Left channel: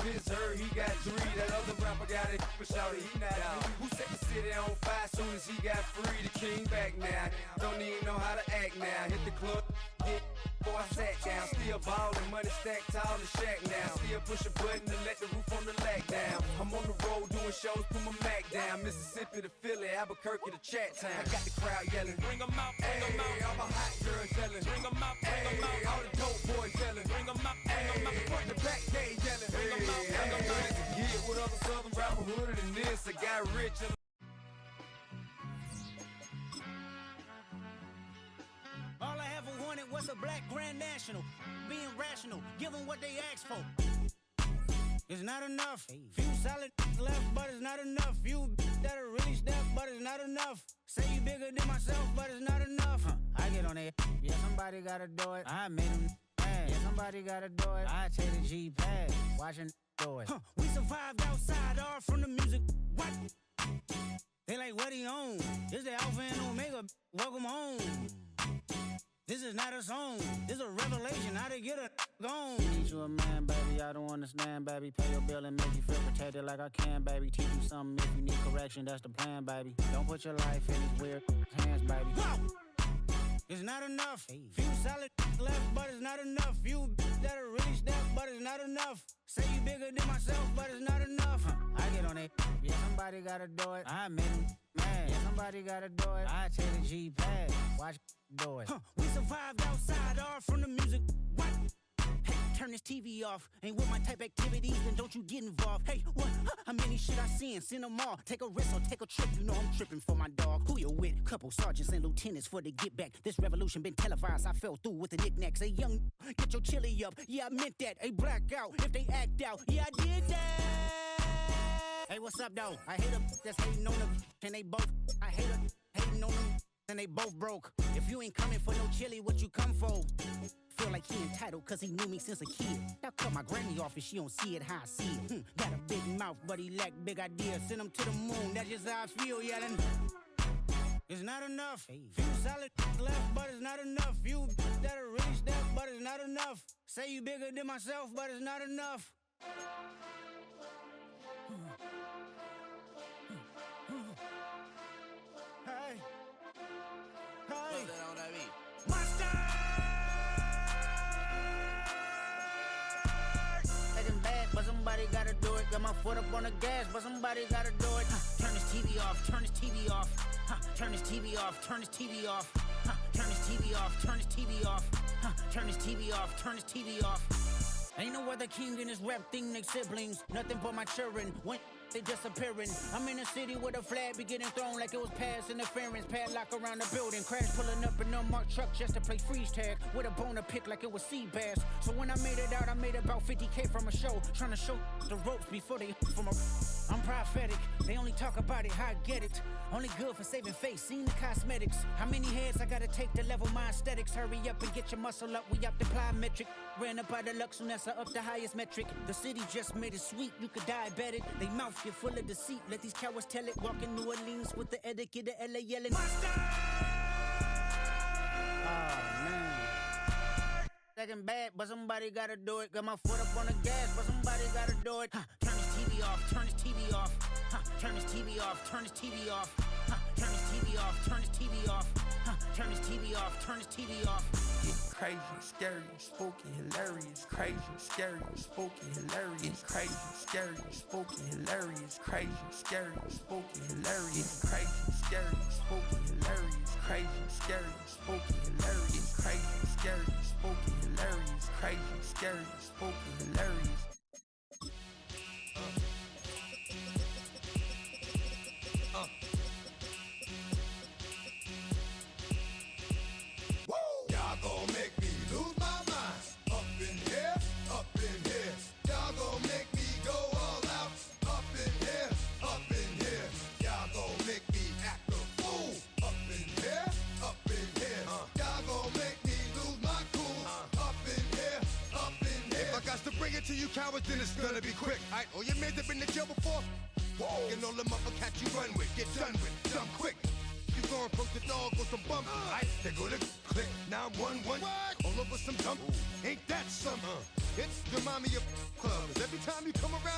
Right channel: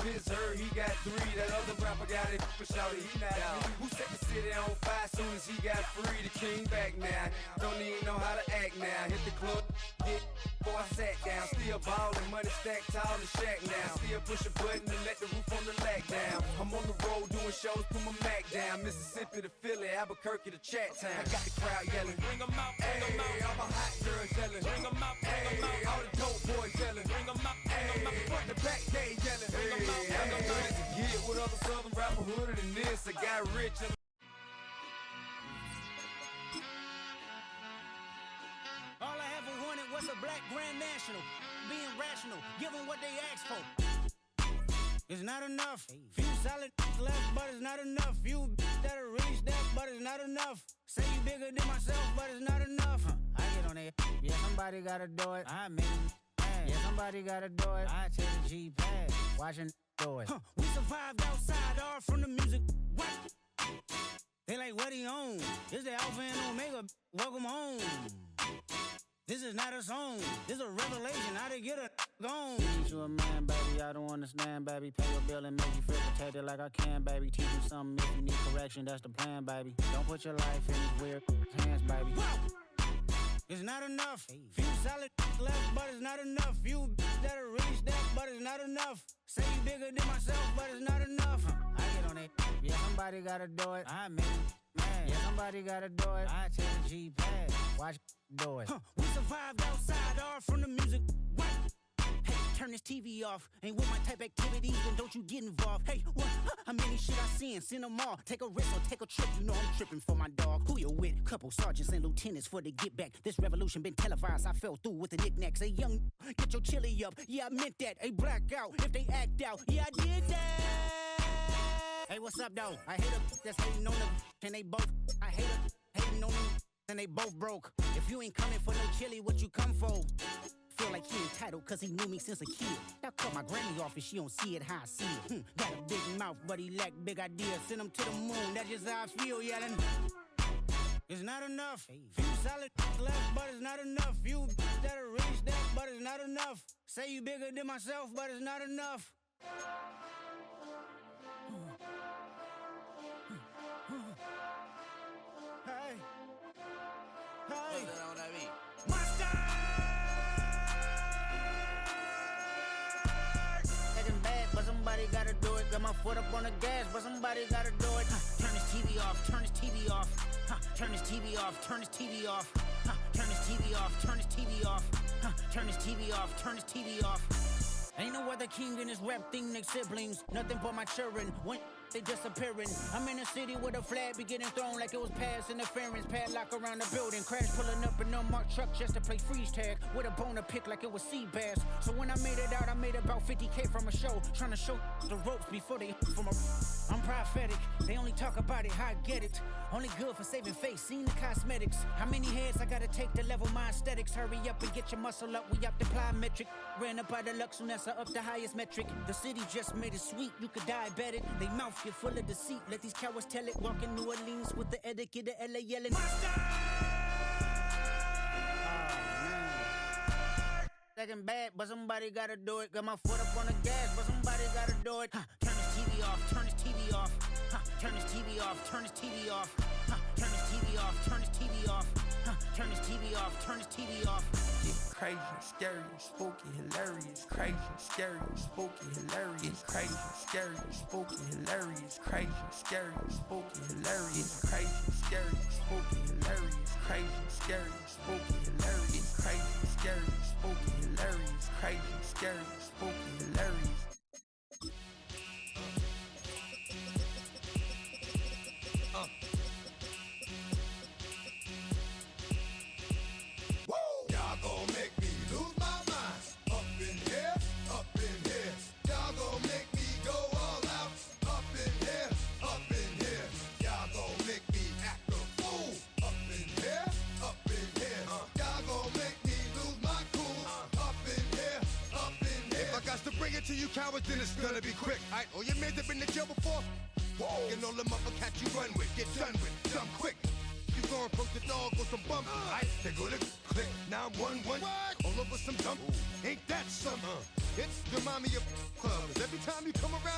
Fizz heard he got 3. That other rapper got it for shouty, he not out. Who set the city on fire soon as he got free? The king back now. Don't even know how to act now. Hit the club, hit before I sat down. Still ballin', money stacked tall in the shack now. Still push a button to let the roof on the lag down. I'm on the road doing shows, put my Mac down. Mississippi to Philly, Albuquerque to Chat Town. I got the crowd yelling, bring 'em out, bring 'em out. All my hot girls yelling, bring 'em out, bring 'em out. All the dope boys yelling, bring 'em out, bring 'em out. Front the back gate yelling, bring 'em out, bring 'em out. To get with other southern rapper hooded than this. I got rich and all I ever wanted was a black Grand National. Being rational, give them what they asked for. It's not enough. Few solid left, but it's not enough. Few that'll really step, but it's not enough. Say you bigger than myself, but it's not enough. I get on it. Yeah, somebody gotta do it. I made him mad. Yeah, somebody gotta do it. I take the G-pad. Watching do it. We survived outside, all from the music. What? They like, what he on? This the Alpha and Omega. Welcome home. This is not a song. This is a revelation. How to get a gone. Teach you a man, baby. I don't understand, baby. Pay your bill and make you feel protected like I can, baby. Teach you something if you need correction. That's the plan, baby. Don't put your life in these weird hands, baby. Whoa! It's not enough. Few solid left, but it's not enough. Few that'll really step, but it's not enough. Say you bigger than myself, but it's not enough. I get on it. Yeah, somebody gotta do it. I made him mad. Yeah, somebody gotta do it. I take the G-pad. Watch do it. We survived outside, all from the music. What? Hey, turn this TV off. Ain't with my type activities, then don't you get involved. Hey, what? How many shit I seen? Send them all. Take a risk or take a trip. You know I'm tripping for my dog. Who you with? Couple sergeants and lieutenants for the get back. This revolution been televised. I fell through with the knickknacks. Hey, young, get your chili up. Yeah, I meant that. Hey, black out if they act out. Yeah, I did that. Hey, what's up, though? I hate them that's hating on them, and they both. I hate them hating on them, and they both broke. If you ain't coming for no chili, what you come for? Feel like he entitled cause he knew me since a kid. Now cut my granny off and she don't see it how I see it. Got a big mouth but he lack big ideas. Send him to the moon, that's just how I feel yelling. It's not enough. Few solid left but it's not enough. Few that'll really step but it's not enough. Say you bigger than myself but it's not enough. Hey. Hey. Monster! But somebody gotta do it. Got my foot up on the gas, but somebody gotta do it. Turn this TV off, turn this TV off. Turn this TV off, turn this TV off. Turn this TV off, turn this TV off. Turn this TV off, turn this TV off. Ain't no other king in this rap thing, they siblings. Nothing but my children. When they disappearing. I'm in a city where the flag be getting thrown like it was past interference. Padlock around the building. Crash pulling up an unmarked truck just to play freeze tag. With a bone to pick like it was sea bass. So when I made it out, I made about 50K from a show. Trying to show the ropes before they from a... I'm prophetic. They only talk about it, how I get it. Only good for saving face, seen the cosmetics. How many heads I gotta take to level my aesthetics? Hurry up and get your muscle up, we up the plyometric. Ran up out of luck, soon as I up the highest metric. The city just made it sweet, you could diabetic. They mouth get full of deceit, let these cowards tell it. Walk in New Orleans with the etiquette of LA yelling Monster! Oh man. Second bad, but somebody gotta do it. Got my foot up on the gas, but somebody gotta do it. Turn this TV off, turn this TV off. Turn this TV off, turn this TV off. Turn this TV off, turn this TV off. Turn this TV off, turn this TV off. It's crazy, scary, spooky, hilarious. Crazy, scary, spooky, hilarious. Crazy, scary, spooky, hilarious. Crazy, scary, spooky, hilarious. Crazy, scary, spooky, hilarious. Crazy, scary, spooky, hilarious. Crazy, scary, spooky, hilarious. Crazy, scary, spooky, hilarious. To you cowards, then it's gonna be quick. Alright, all your mans have been to jail before. Whoa. And all the motherfuckers you run with, get done with, dumb quick. You gon' approach the dog with some bump. Alright, they go to click 911. All over some dump. Ain't that something? It's the mommy of clubs. Every time you come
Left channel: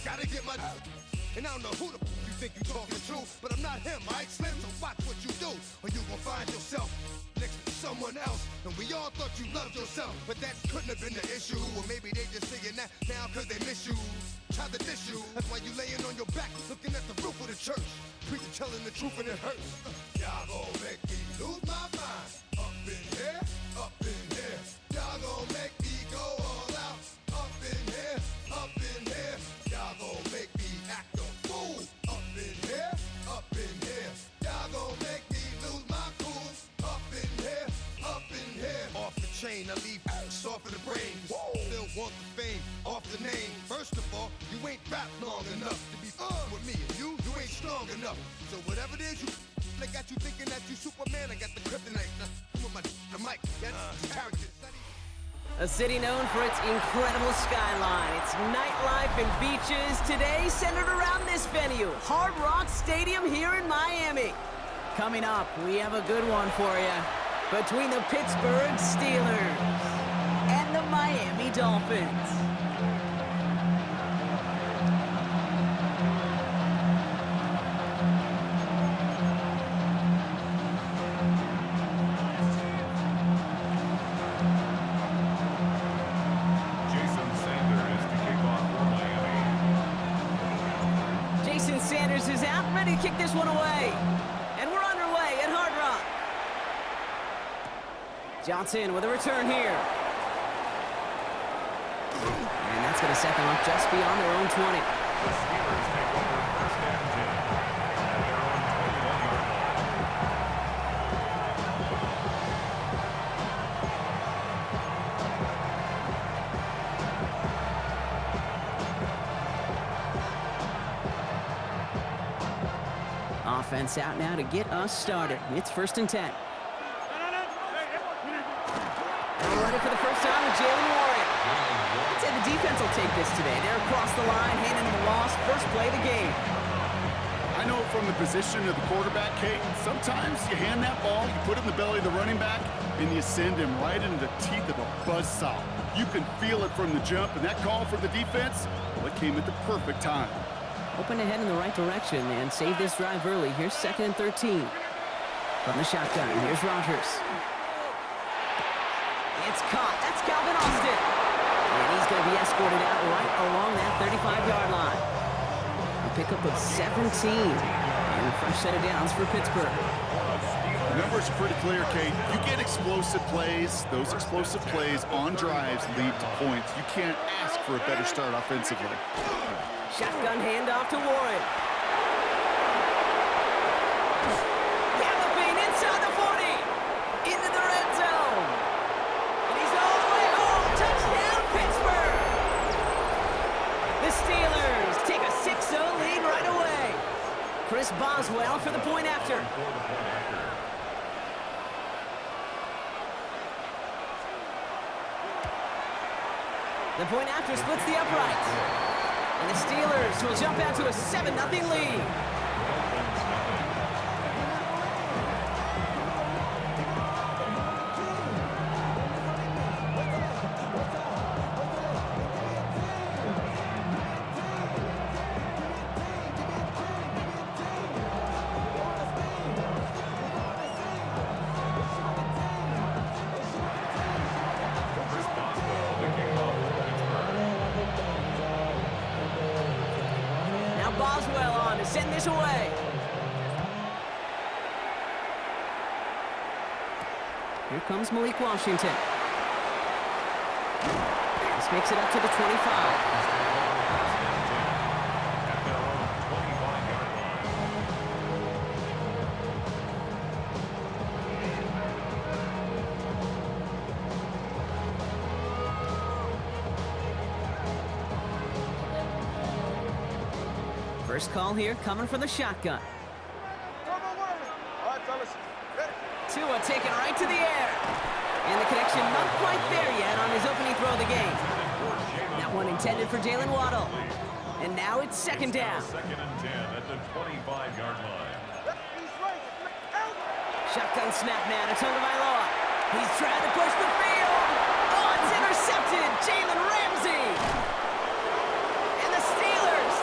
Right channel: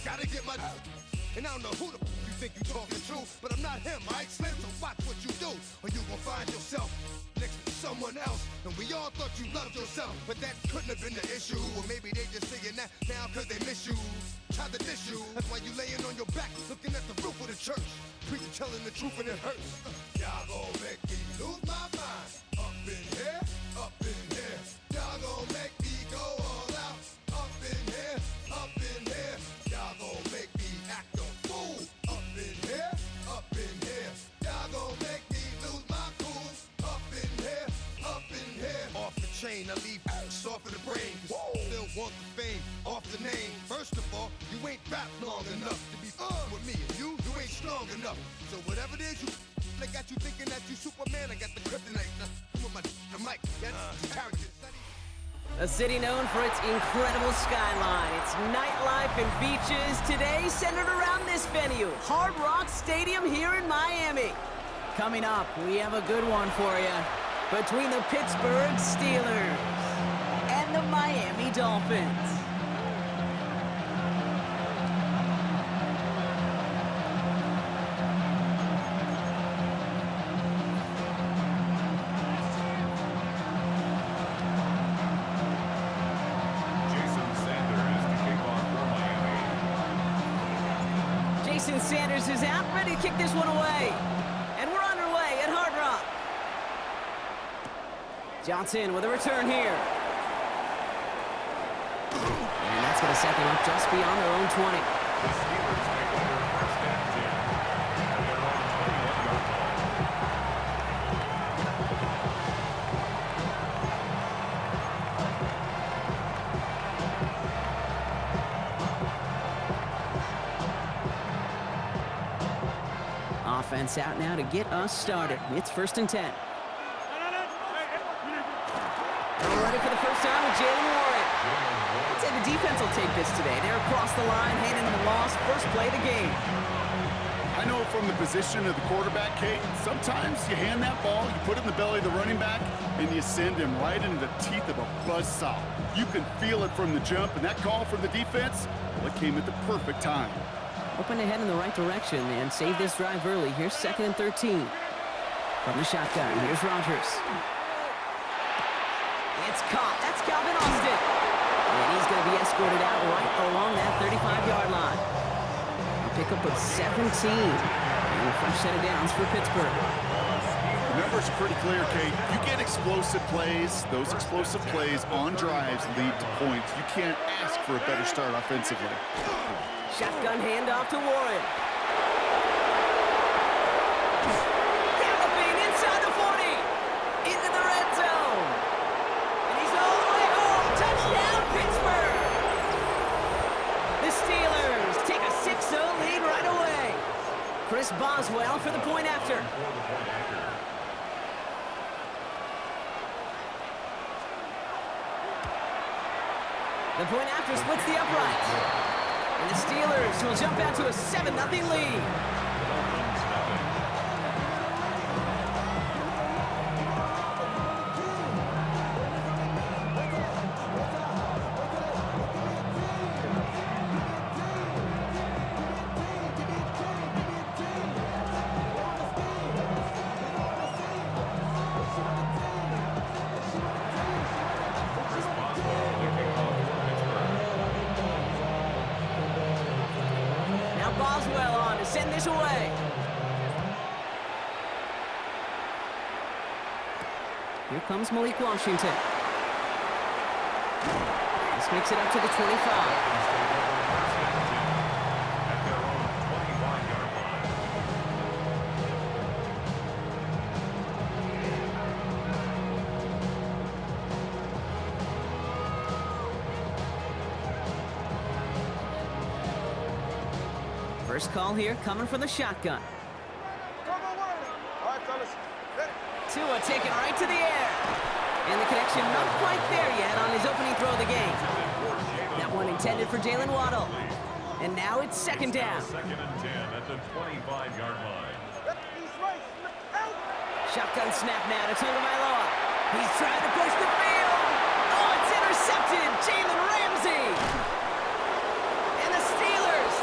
Gotta get my... And I don't know who the you think you talking to, but I'm not him, right, Slim? So watch what you do, or you gon' find yourself next to someone else. And we all thought you loved yourself, but that couldn't have been the issue. Or maybe they just saying that now cause they miss you. Try to diss you, that's why you laying on your back, looking at the roof of the church. Preacher telling the truth and it hurts. Y'all gon' make me lose my mind. Up in here, up in here. Y'all gon' make me go all out. Up in here, up in here. Y'all gon' make me act a fool. Up in here, up in here. Y'all gon' make me lose my cool. Up in here, up in here. Off the chain, I leave soft in the brain. Still want the fame, off the name. First of all, you ain't rap long enough to be with me. And you ain't strong enough. So whatever it is you I got you thinking that you Superman, I got the kryptonite. Come on, the mic, that's character. A city known for its incredible skyline, its nightlife and beaches, today centered around this venue, Hard Rock Stadium here in Miami. Coming up, we have a good one for you. Between the Pittsburgh Steelers and the Miami Dolphins. Jason Sanders is out, ready to kick this one away. And we're underway at Hard Rock. Johnson with a return here. And that's going to set them up just beyond their own 20. The Steelers take over first and 10 at their own 21-yard line. Offense out now to get us started. It's first and 10. Ready for the first time with Jalen Warren. I'd say the defense will take this today. They're across the line, handing them a loss. First play of the game. I know from the position of the quarterback, Kate, sometimes you hand that ball, you put it in the belly of the running back, and you send him right into the teeth of a buzzsaw. You can feel it from the jump, and that call from the defense, well, it came at the perfect time. Hoping to head in the right direction and save this drive early. Here's 2nd and 13. From the shotgun, here's Rodgers. It's caught. That's Calvin Austin. And he's going to be escorted out right along that 35-yard line. A pickup of 17. And a fresh set of downs for Pittsburgh. The numbers are pretty clear, Kate. You get explosive plays. Those explosive plays on drives lead to points. You can't ask for a better start offensively. Shotgun handoff to Warren. Galloping inside the 40. Into the red zone. And he's all the way home. Touchdown, Pittsburgh. The Steelers take a 6-0 lead right away. Chris Boswell for the point after. The point after splits the uprights. And the Steelers will jump out to a 7-0 lead. Dolphins nothing. Chris Boswell, the kickoff for Pittsburgh. Now Boswell on to send this away. Here comes Malik Washington. This makes it up to the 25. First and 10 at their own 25-yard line. First call here coming from the shotgun. Tua taken right to the air. And the connection not quite there yet on his opening throw of the game. That one intended for Jalen Waddle. And now it's second down. Second and 10 at the 25-yard line. Shotgun snap now to Tagovailoa. He's trying to push the field. Oh, it's intercepted. Jalen Ramsey. And the Steelers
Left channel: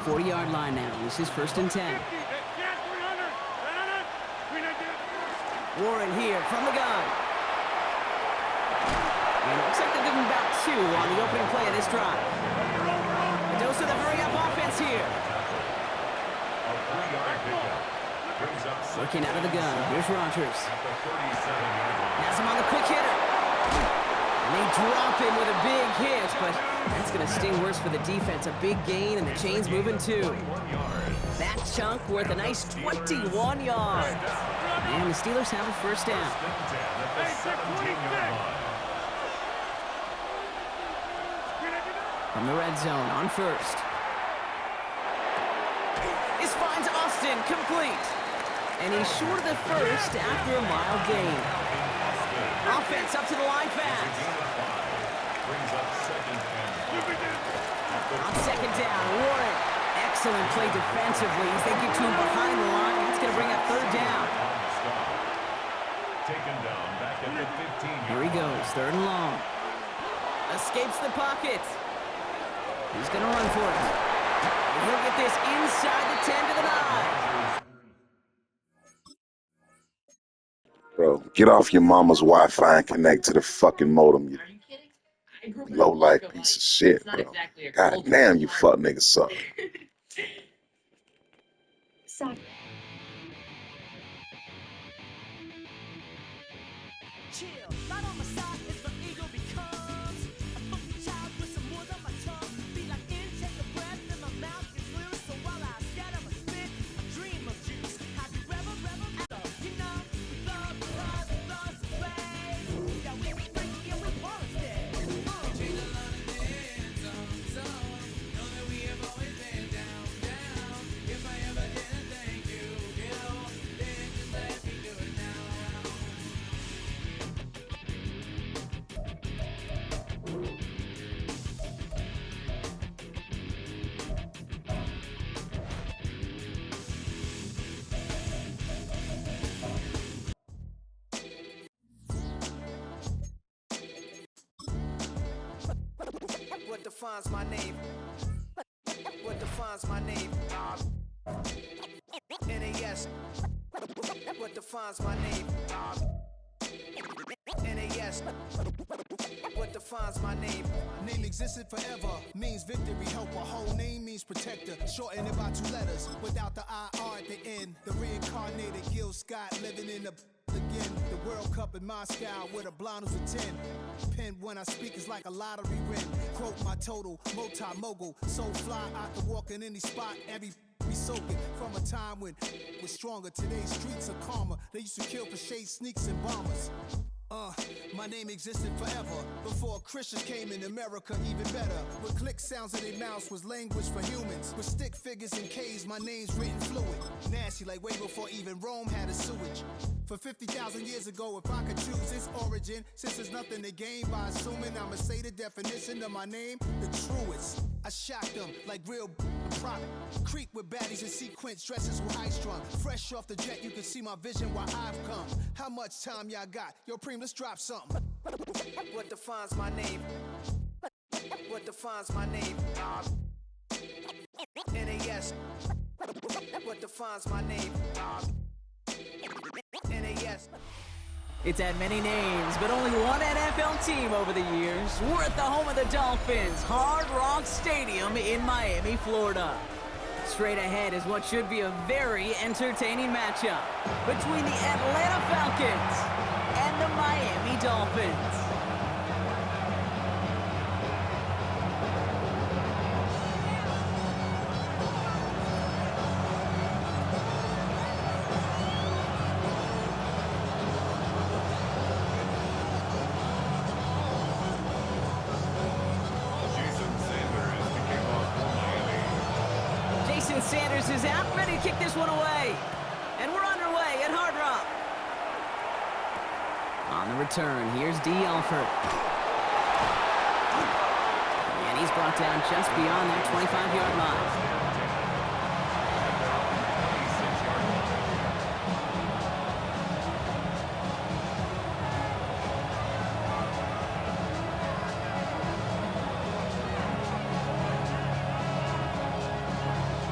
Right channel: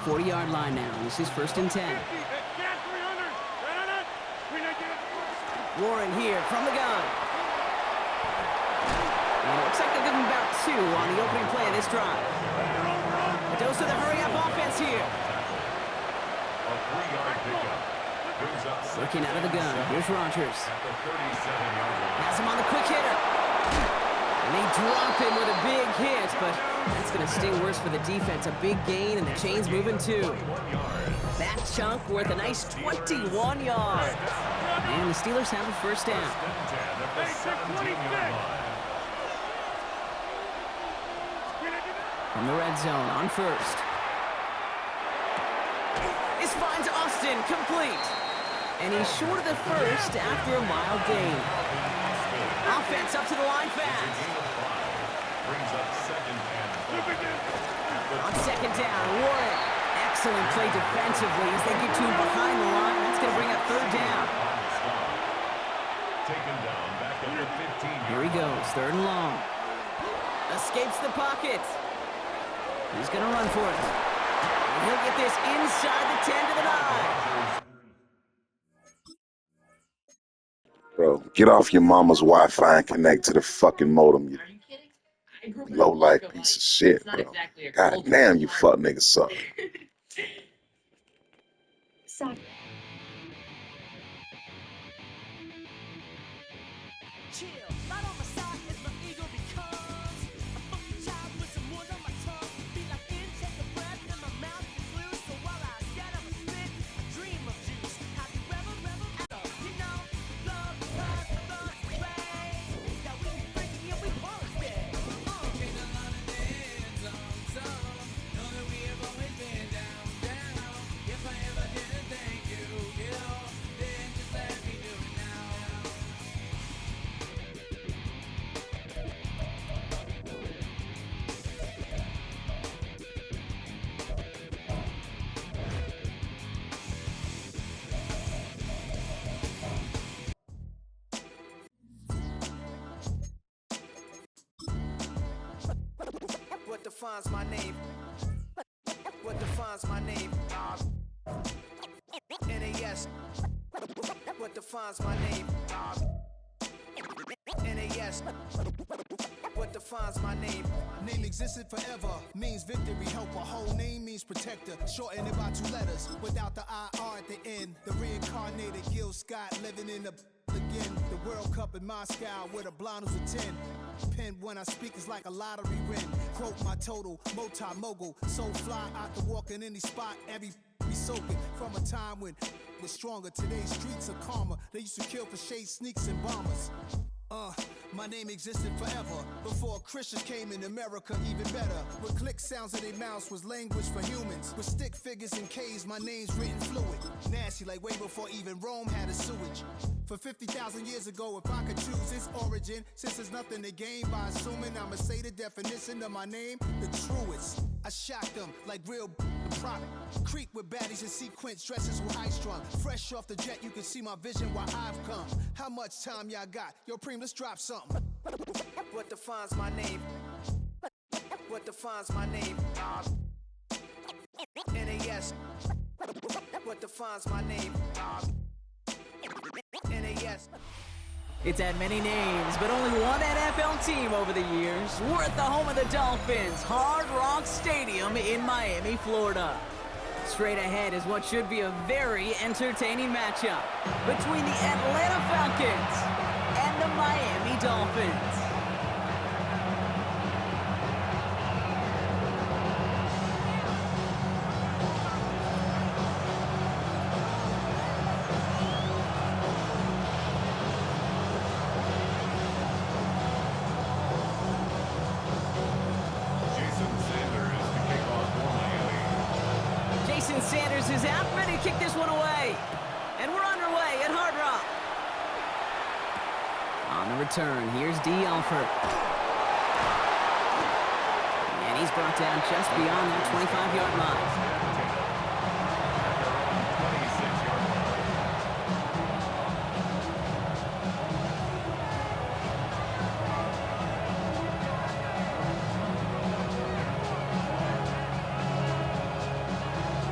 40-yard line now. This is 1st and 10. Warren here from the gun. And it looks like they'll give him about 2 on the opening play of this drive. A dose of the hurry-up offense here. A 3-yard pickup. Brings up Working out of the gun. Here's Rodgers. at the 37-yard line. Has him on the quick hitter. And they drop him with a big hit, but that's going to sting worse for the defense. A big gain, and the chain's moving too. 21 yards. That chunk worth a nice 21 yards. And the Steelers have a first down. 1st and 10 at the 17-yard line. From the red zone on first. This finds Austin complete. And he's short of the first after a mild gain. Offense up to the line fast. Gain of 5. Brings up 2nd and 5. On 2nd down, Warren. Excellent play defensively as they get to him behind the line. That's going to bring up 3rd down. On the stop. Taken down back at the 15-yard Here he goes, 3rd and long. Escapes the pocket. He's going to run for it. And he'll get this inside the 10 to the 9. Bro, get off your mama's Wi-Fi and connect to the fucking modem, you low-life piece of shit, bro. God damn, you fuck niggas suck. What defines my name? What defines my name? NAS. What defines my name? NAS. What defines my name? Name existed forever, means victory, helper. Whole name means protector, shorten it by 2 letters, without the IR at the end. The reincarnated Gil Scott living in the again. The World Cup in Moscow with a blind who's a 10. Pen when I speak is like a lottery win. Quote my total, multi-mogul. So fly out to walk in any spot, every be soaking. From a time when was stronger. Today's streets are calmer. They used to kill for shade sneaks and bombers. My name existed forever. Before Christians came in America, even better. With click sounds in their mouths was language for humans. With stick figures and K's, my name's written fluid. Nasty like way before even Rome had a sewage. For 50,000 years ago, if I could choose its origin, since there's nothing to gain by assuming I'ma say the definition of my name, the truest. I shocked them like real prop. Creep with baddies in sequence, dresses with high strung. Fresh off the jet, you can see my vision where I've come. How much time y'all got? Yo, Preem, let's drop something. What defines my name? What defines my name? NAS. What defines my name? NAS. It's had many names, but only one NFL team over the years. We're at the home of the Dolphins, Hard Rock Stadium in Miami, Florida. Straight ahead is what should be a very entertaining matchup between the Atlanta Falcons and the Miami Dolphins. Sanders is out, ready to kick this one away. And we're underway at Hard Rock. On the return, here's D. Alford. And he's brought down just beyond that 25-yard line.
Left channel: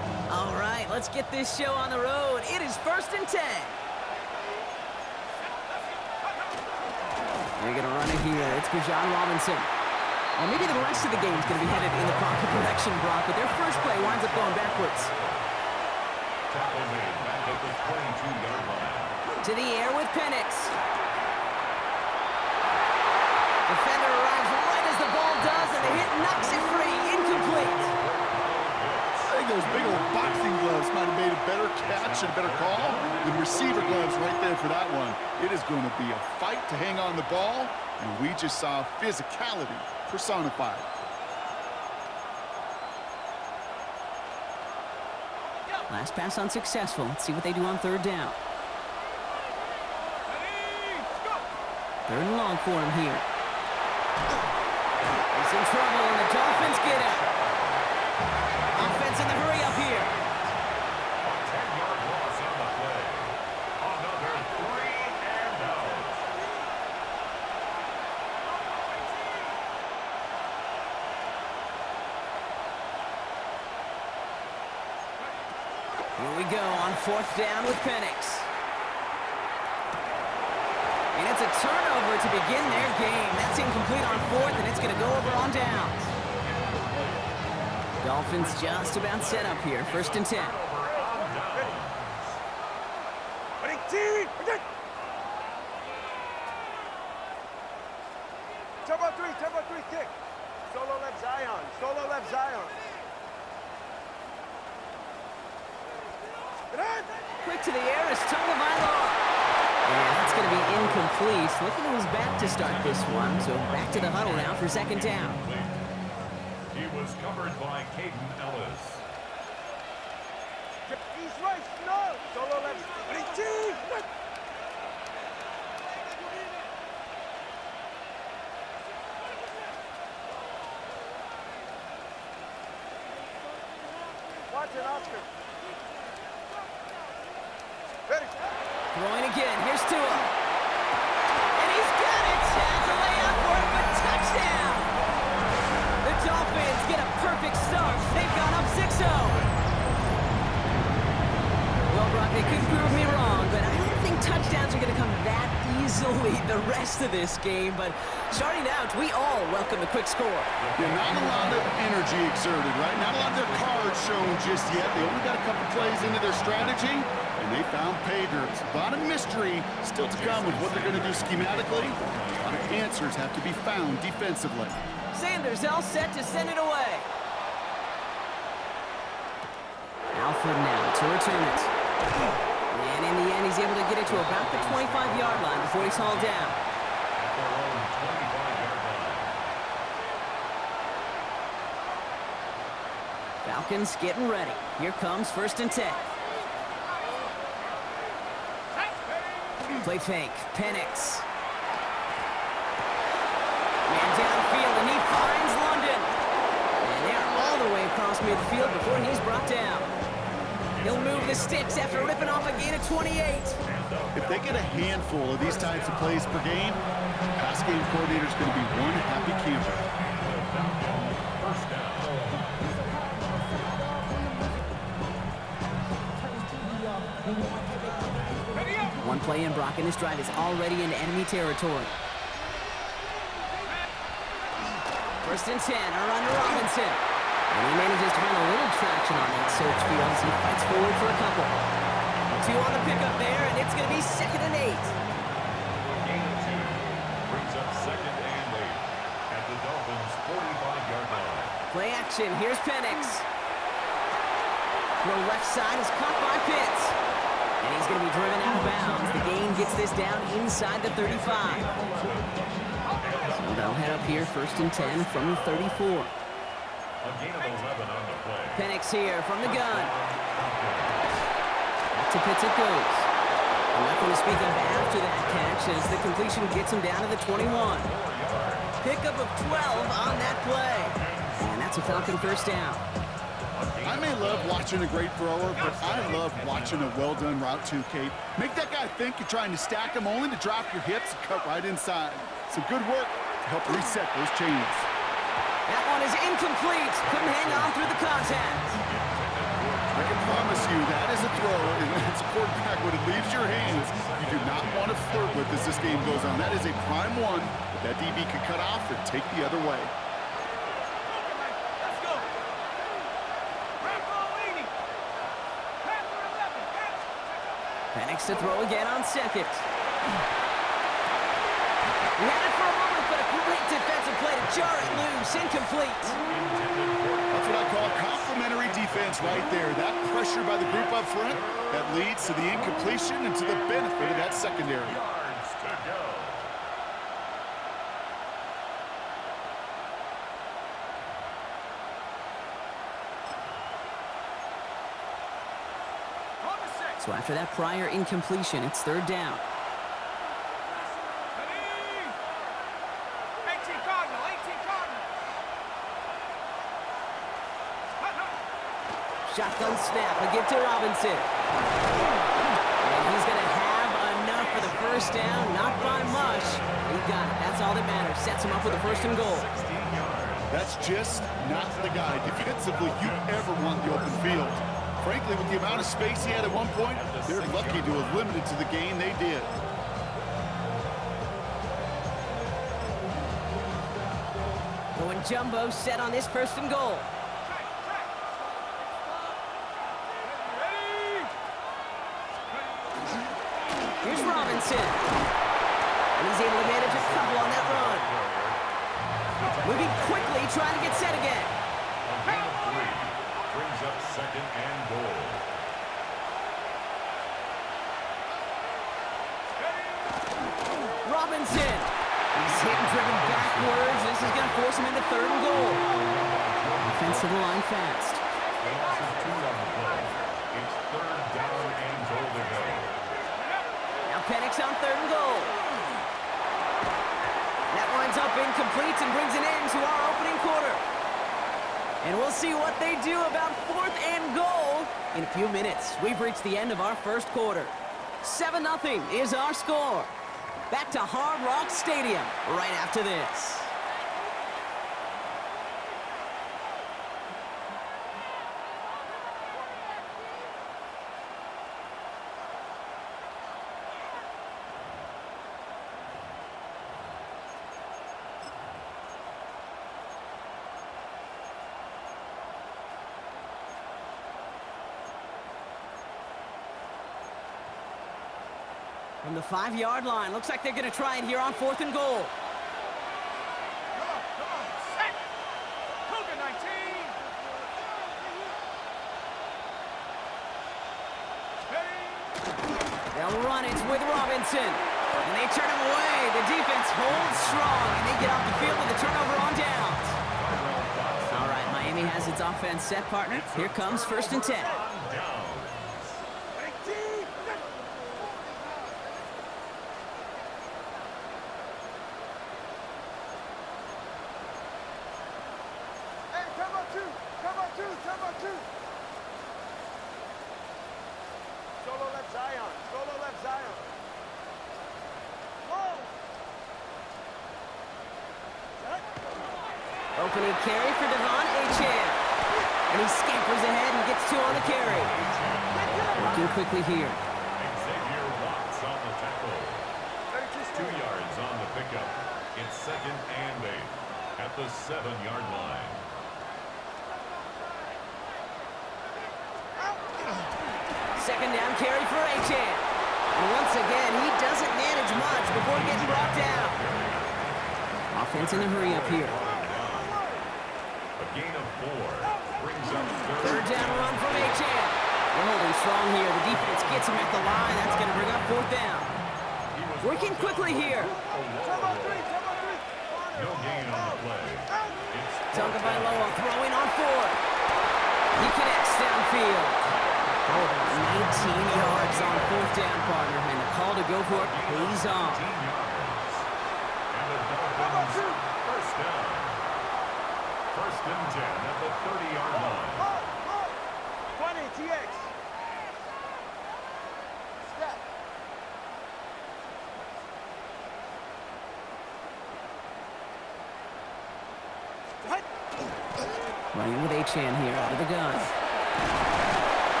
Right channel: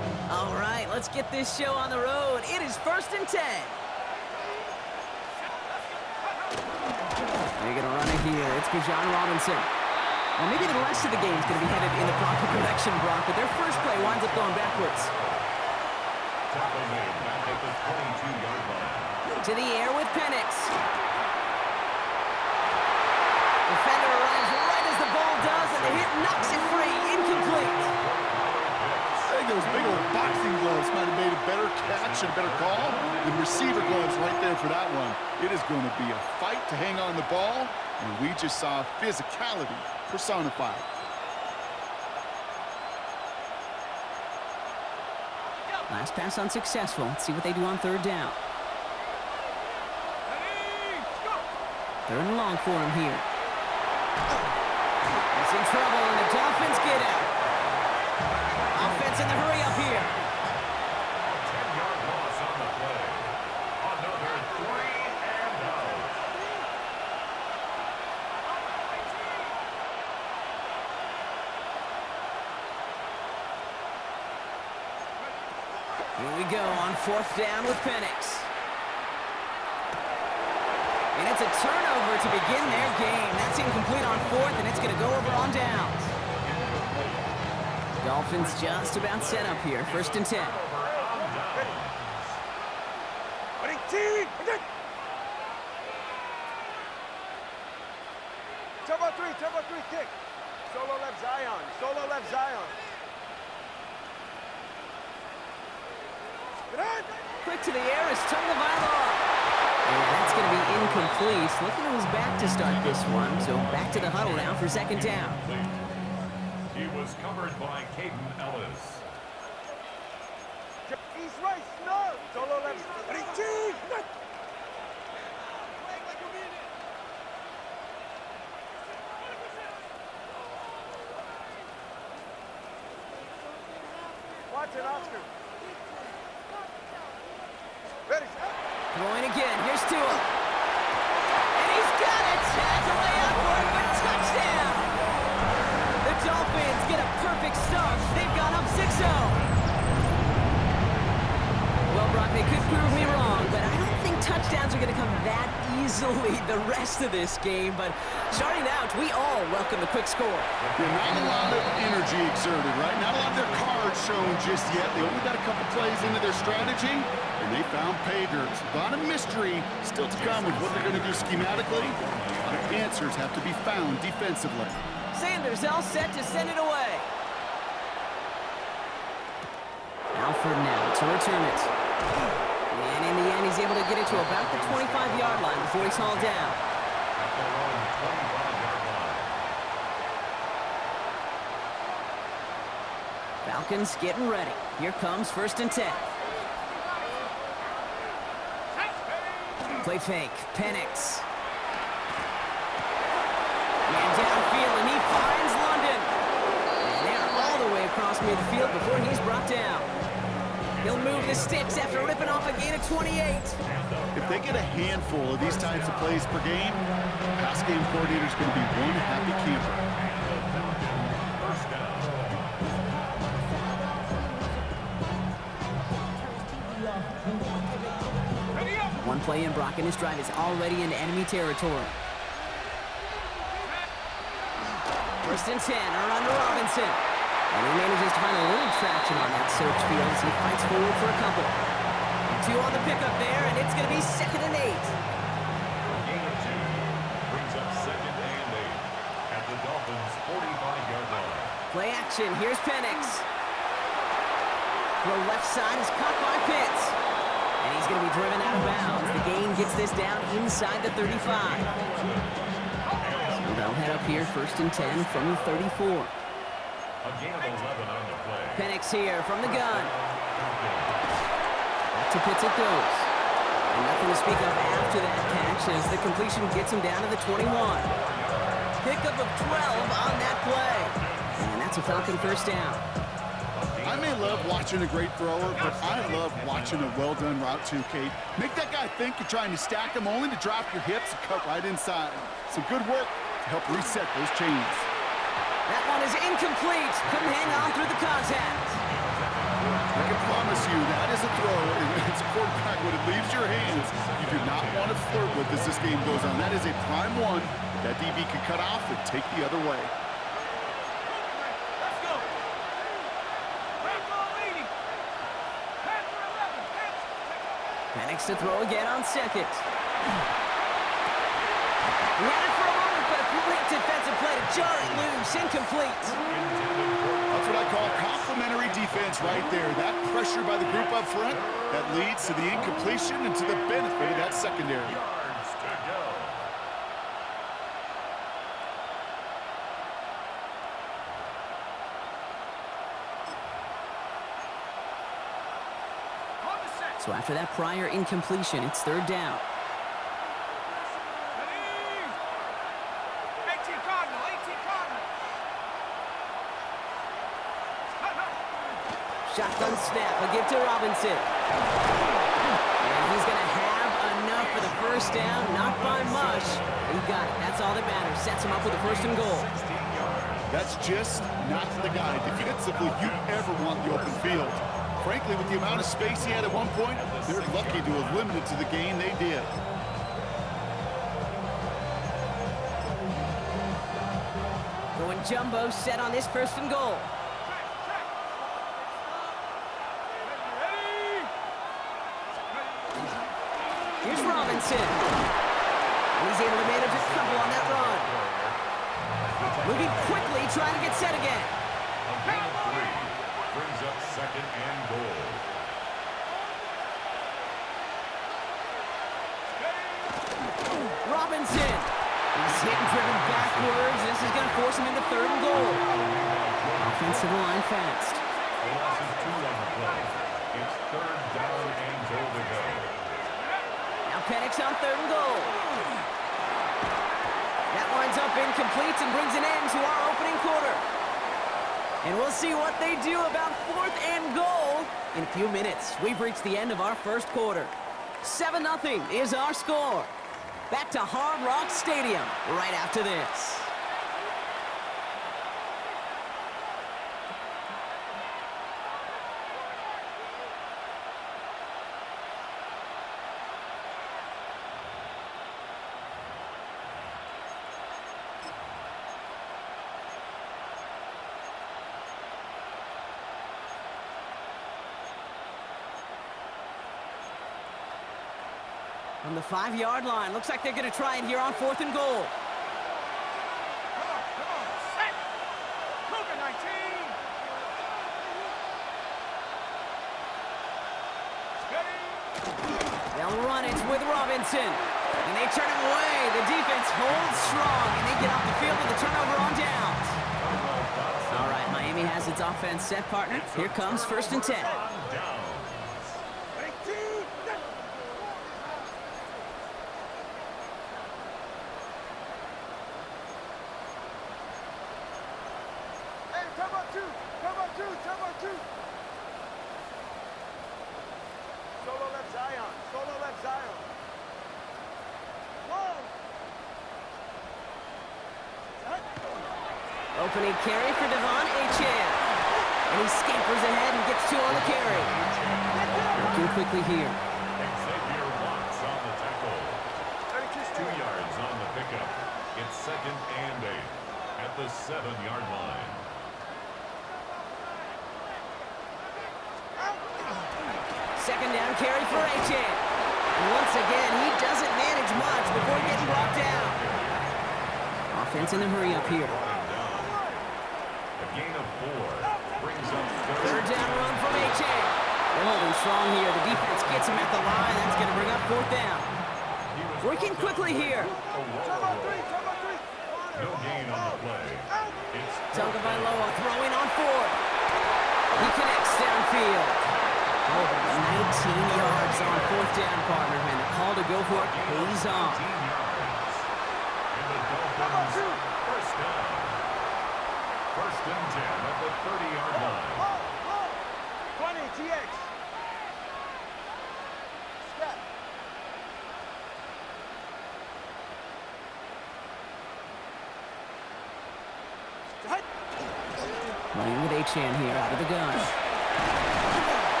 let's get this show on the road. It is 1st and 10. They're going to run it here. It's Bijan Robinson. Well, maybe the rest of the game is going to be headed in the proper direction, Brock, but their first play winds up going backwards. Tackle made back at the 22-yard line. To the air with Penix. Defender arrives right as the ball does, and the hit knocks it free. Incomplete. I think those big old boxing gloves might have made a better catch and a better call than receiver gloves right there for that one. It is going to be a fight to hang on the ball, and we just saw physicality personified. Last pass unsuccessful. Let's see what they do on 3rd down. 3rd and long for him here. He's in trouble, and the Dolphins get him. Offense in the hurry up here. A 10-yard loss on the play. Another 3 and out. Here we go on 4th down with Penix. And it's a turnover to begin their game. That's incomplete on 4th, and it's going to go over on downs. Dolphins just about set up here. 1st and 10. Turbo 3, kick. Solo left Zion. Quick to the air is Tagovailoa. And that's going to be incomplete. Looking to his back to start this one. So back to the huddle now for 2nd down. He was covered by Caden Ellis. East right, no. Solo left. Watson, Oscar. Ready, Throwing again. Here's Tua. And he's got it. Has a layout for it, but touchdown. The Dolphins get a perfect start. They've gone up 6-0. Well, Brock, they could prove me wrong, but I don't think touchdowns are going to come that easily the rest of this game. But starting out, we all welcome a quick score. Yeah, not a lot of energy exerted, right? Not a lot of their cards shown just yet. They only got a couple plays into their strategy, and they found pay dirt. A lot of mystery still to come with what they're going to do schematically. A lot of answers have to be found defensively. Sanders all set to send it away. Alford now to return it. And in the end, he's able to get it to about the 25-yard line before he's hauled down. At their own 25-yard line. Falcons getting ready. Here comes 1st and 10. Play fake. Penix. Man downfield, and he finds London. And they're all the way across midfield before he's brought down. He'll move the sticks after ripping off a gain of 28. If they get a handful of these types of plays per game, the pass game coordinator is going to be one happy camper. And the Falcons first down. One play in, Brock, and his drive is already in enemy territory. 1st and 10, a run to Robinson. And he manages to find a little traction on that search field as he fights forward for a couple. 2 on the pickup there, and it's going to be 2nd and 8. A gain of 2 brings up 2nd and 8 at the Dolphins' 45-yard line. Play action. Here's Penix. Throw left side is caught by Pitts. And he's going to be driven out of bounds. The gain gets this down inside the 35. So they'll head up here 1st and 10 from the 34. A gain of 11 on the play. Penix here from the gun. Back to Pitts it goes. And nothing to speak of after that catch as the completion gets him down to the 21. Pickup of 12 on that play. And that's a Falcon 1st down. I may love watching a great thrower, but I love watching a well-done route too, Kate. Make that guy think you're trying to stack him only to drop your hips and cut right inside. Some good work to help reset those chains. That one is incomplete. Couldn't hang on through the contact. I can promise you that is a throw, and it's a quarterback when it leaves your hands. You do not want to flirt with as this game goes on. That is a prime one, but that DB can cut off and take the other way. Let's go. Penix to throw again on second. He had it for a moment, but a great defensive play to jar it loose. Incomplete. That's what I call complimentary defense right there. That pressure by the group up front, that leads to the incompletion and to the benefit of that secondary. Yards to go. So after that prior incompletion, it's third down. 18 Cardinal. Shotgun snap, a give to Robinson. And he's going to have enough for the first down, not by much. He got it. That's all that matters. Sets him up with a first and goal. 16 yards. That's just not the guy defensively you ever want the open field. Frankly, with the amount of space he had at one point, they're lucky to have limited to the gain they did. Going jumbo set on this first and goal. Here's Robinson. And he's able to manage a couple on that run. Moving quickly, trying to get set again. A gain of 3 brings up second and goal. Robinson. He's hit and driven backwards. This is going to force him into third and goal. Offensive line fast. The loss of 2 on the play. It's third down and goal to go. Now Penix on third and goal. That winds up incomplete and brings an end to our opening quarter. And we'll see what they do about fourth and goal in a few minutes. We've reached the end of our first quarter. 7-0 is our score. Back to Hard Rock Stadium right after this. From the 5-yard line, looks like they're going to try it here on fourth and goal. Come on, set. Cougar 19. Steady. They'll run it with Robinson. And they turn him away. The defense holds strong, and they get off the field with a turnover on downs. All right, Miami has its offense set, partner. Here comes first and 10. Solo left Zion. Whoa. Opening carry for Devon Achane. And he scampers ahead and gets 2 on the carry. Working quickly here. Xavier Watts on the tackle. 2 yards on the pickup. It's second and 8 at the 7-yard line. Second down carry for Achane. And once again, he doesn't manage much before getting brought down. Offense in the hurry up here. A gain of 4 brings up Third down run from Achane. They're holding strong here. The defense gets him at the line. That's going to bring up fourth down. Working quickly here. No gain on the play. It's Tagovailoa throwing on fourth. He connects downfield. Oh, about 19 yards on fourth down, partner, and the call to go for it pays off. 18 yards. And the Dolphins first down. First and 10 at the 30-yard line. 20 TX. Step. Running with Achane here out of the gun.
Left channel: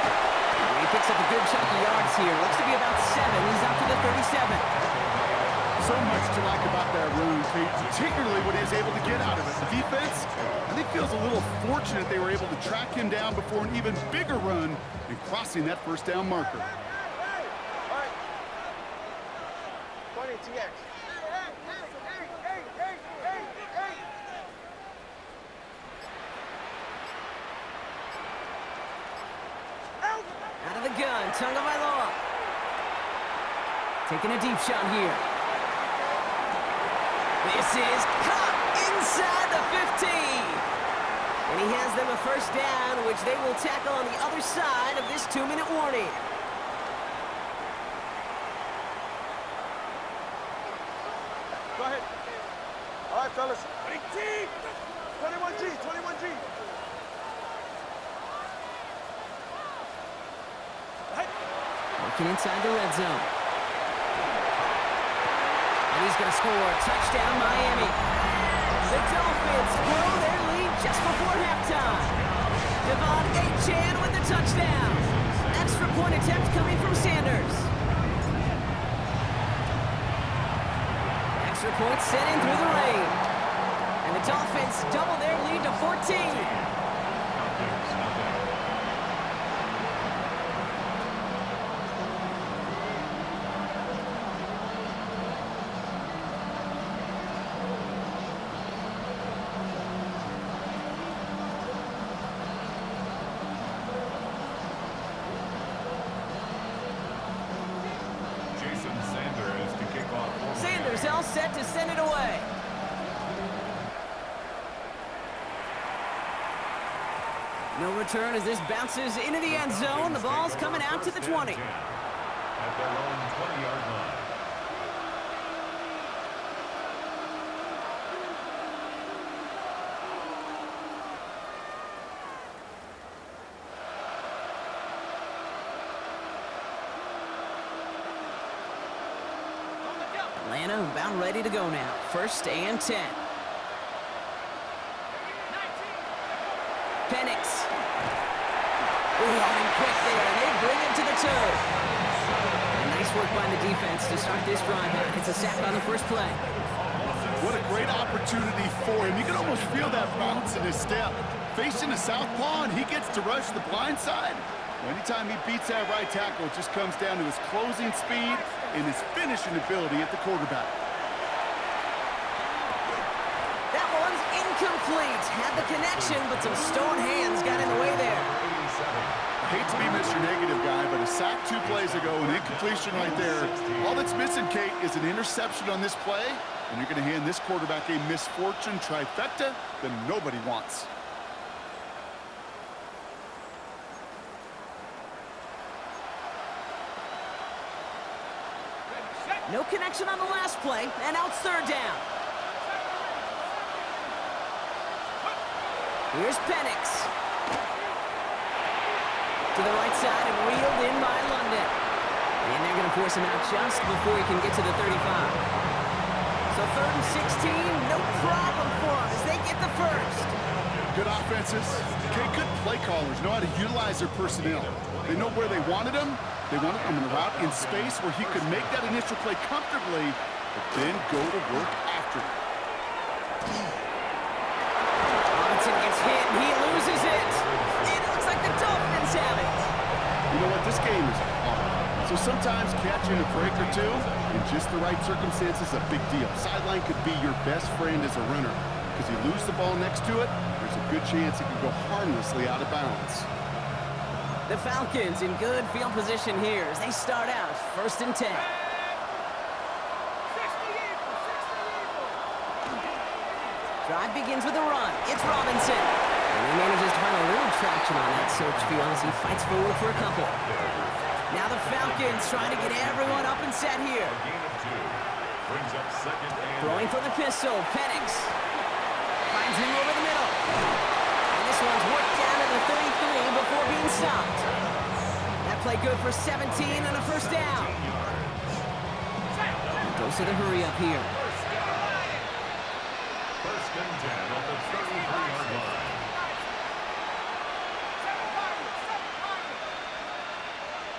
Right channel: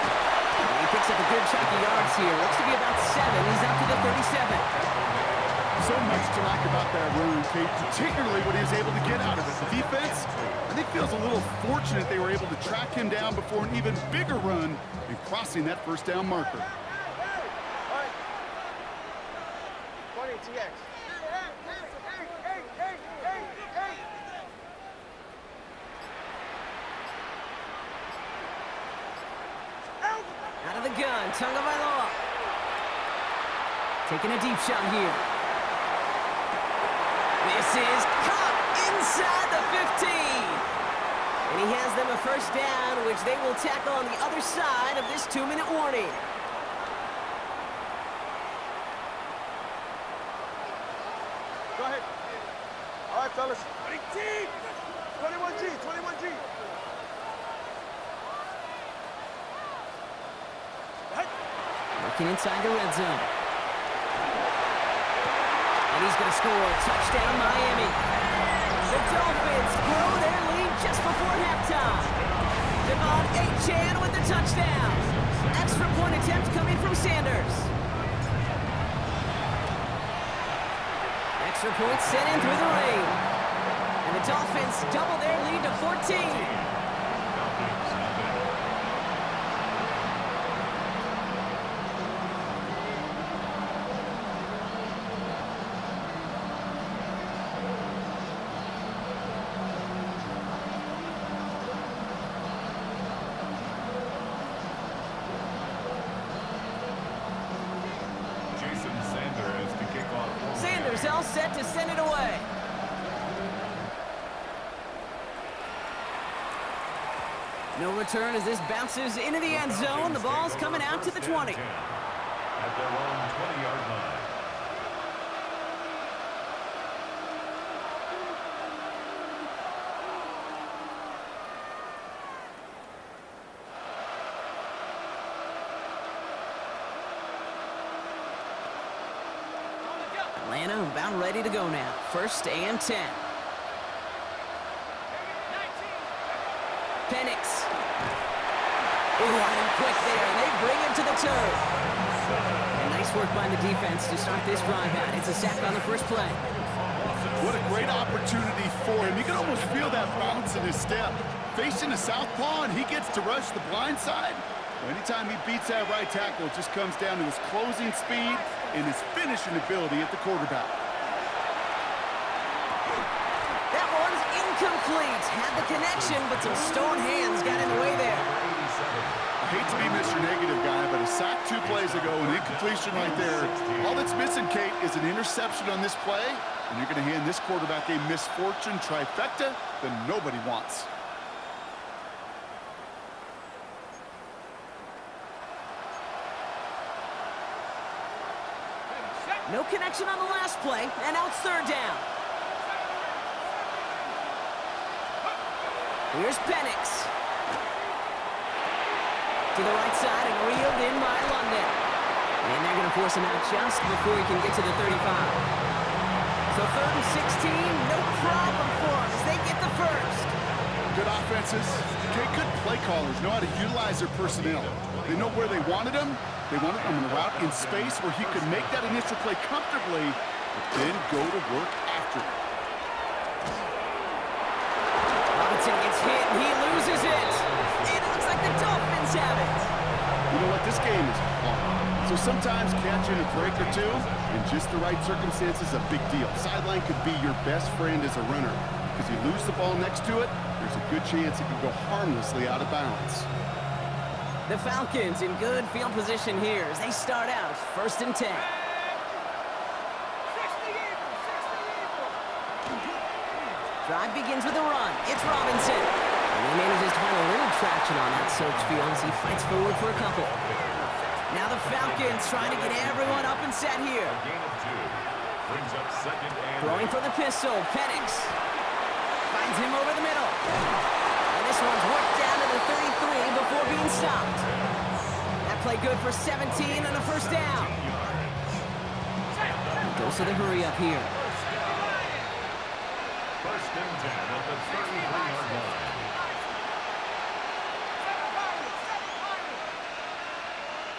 Picks up a good chunk of yards here. Looks to be about 7. He's up to the 37. So much to like about that run, Kate, particularly what he was able to get out of it. The defense, I think, feels a little fortunate they were able to track him down before an even bigger run and crossing that first down marker. All right. 20 TX. Out of the gun, Tagovailoa. Taking a deep shot here. This is caught inside the 15. And he has them a first down, which they will tackle on the other side of this 2-minute warning. Go ahead. All right, fellas. 21G, 21G. Working inside the red zone. And he's going to score. Touchdown, Miami. The Dolphins grow their lead just before halftime. Devon Achane with the touchdown. Extra point attempt coming from Sanders. Extra point sent in through the rain. And the Dolphins double their lead to 14. Sanders all set to send it away. No return as this bounces into the end zone. The ball's coming out to the 20. At their own 20-yard line. Atlanta about ready to go now. 1st and 10. Penix. Ooh, on him quick there, and they bring him to the turf. And nice work by the defense to start this drive out. It's a sack on the first play. What a great opportunity for him. You can almost feel that bounce in his step. Facing the southpaw, and he gets to rush the blind side. Anytime he beats that right tackle, it just comes down to his closing speed and his finishing ability at the quarterback. That one's incomplete. Had the connection, but some stone hands got in the way there. I hate to be Mr. Negative guy, but a sack 2 plays ago, an incompletion right there. All that's missing, Kate, is an interception on this play, and you're going to hand this quarterback a misfortune trifecta that nobody wants. No connection on the last play, and now it's 3rd down. Here's Penix. To the right side and reeled in by London. And they're going to force him out just before he can get to the 35. So 3rd and 16, no problem for him as they get the first. Good offenses. Okay, good play callers know how to utilize their personnel. They know where they wanted them. They wanted him in a route in space where he could make that initial play comfortably, but then go to work after it. Robinson gets hit, and he loses it. It looks like the Dolphins have it. You know what? This game is hard. So sometimes catching a break or two in just the right circumstances is a big deal. Sideline could be your best friend as a runner, because you lose the ball next to it, there's a good chance it could go harmlessly out of bounds. The Falcons in good field position here as they start out 1st and 10. Drive begins with a run. It's Robinson. And he manages to find a little traction on that search field as he fights forward for a couple. Now the Falcons trying to get everyone up and set here. Brings up 2nd and throwing for the pistol. Penix finds him over the middle. And this one's worked down to the 33 before being stopped. That play good for 17 and a first down. Goes to the hurry up here. 1st and 10 at the 33-yard line.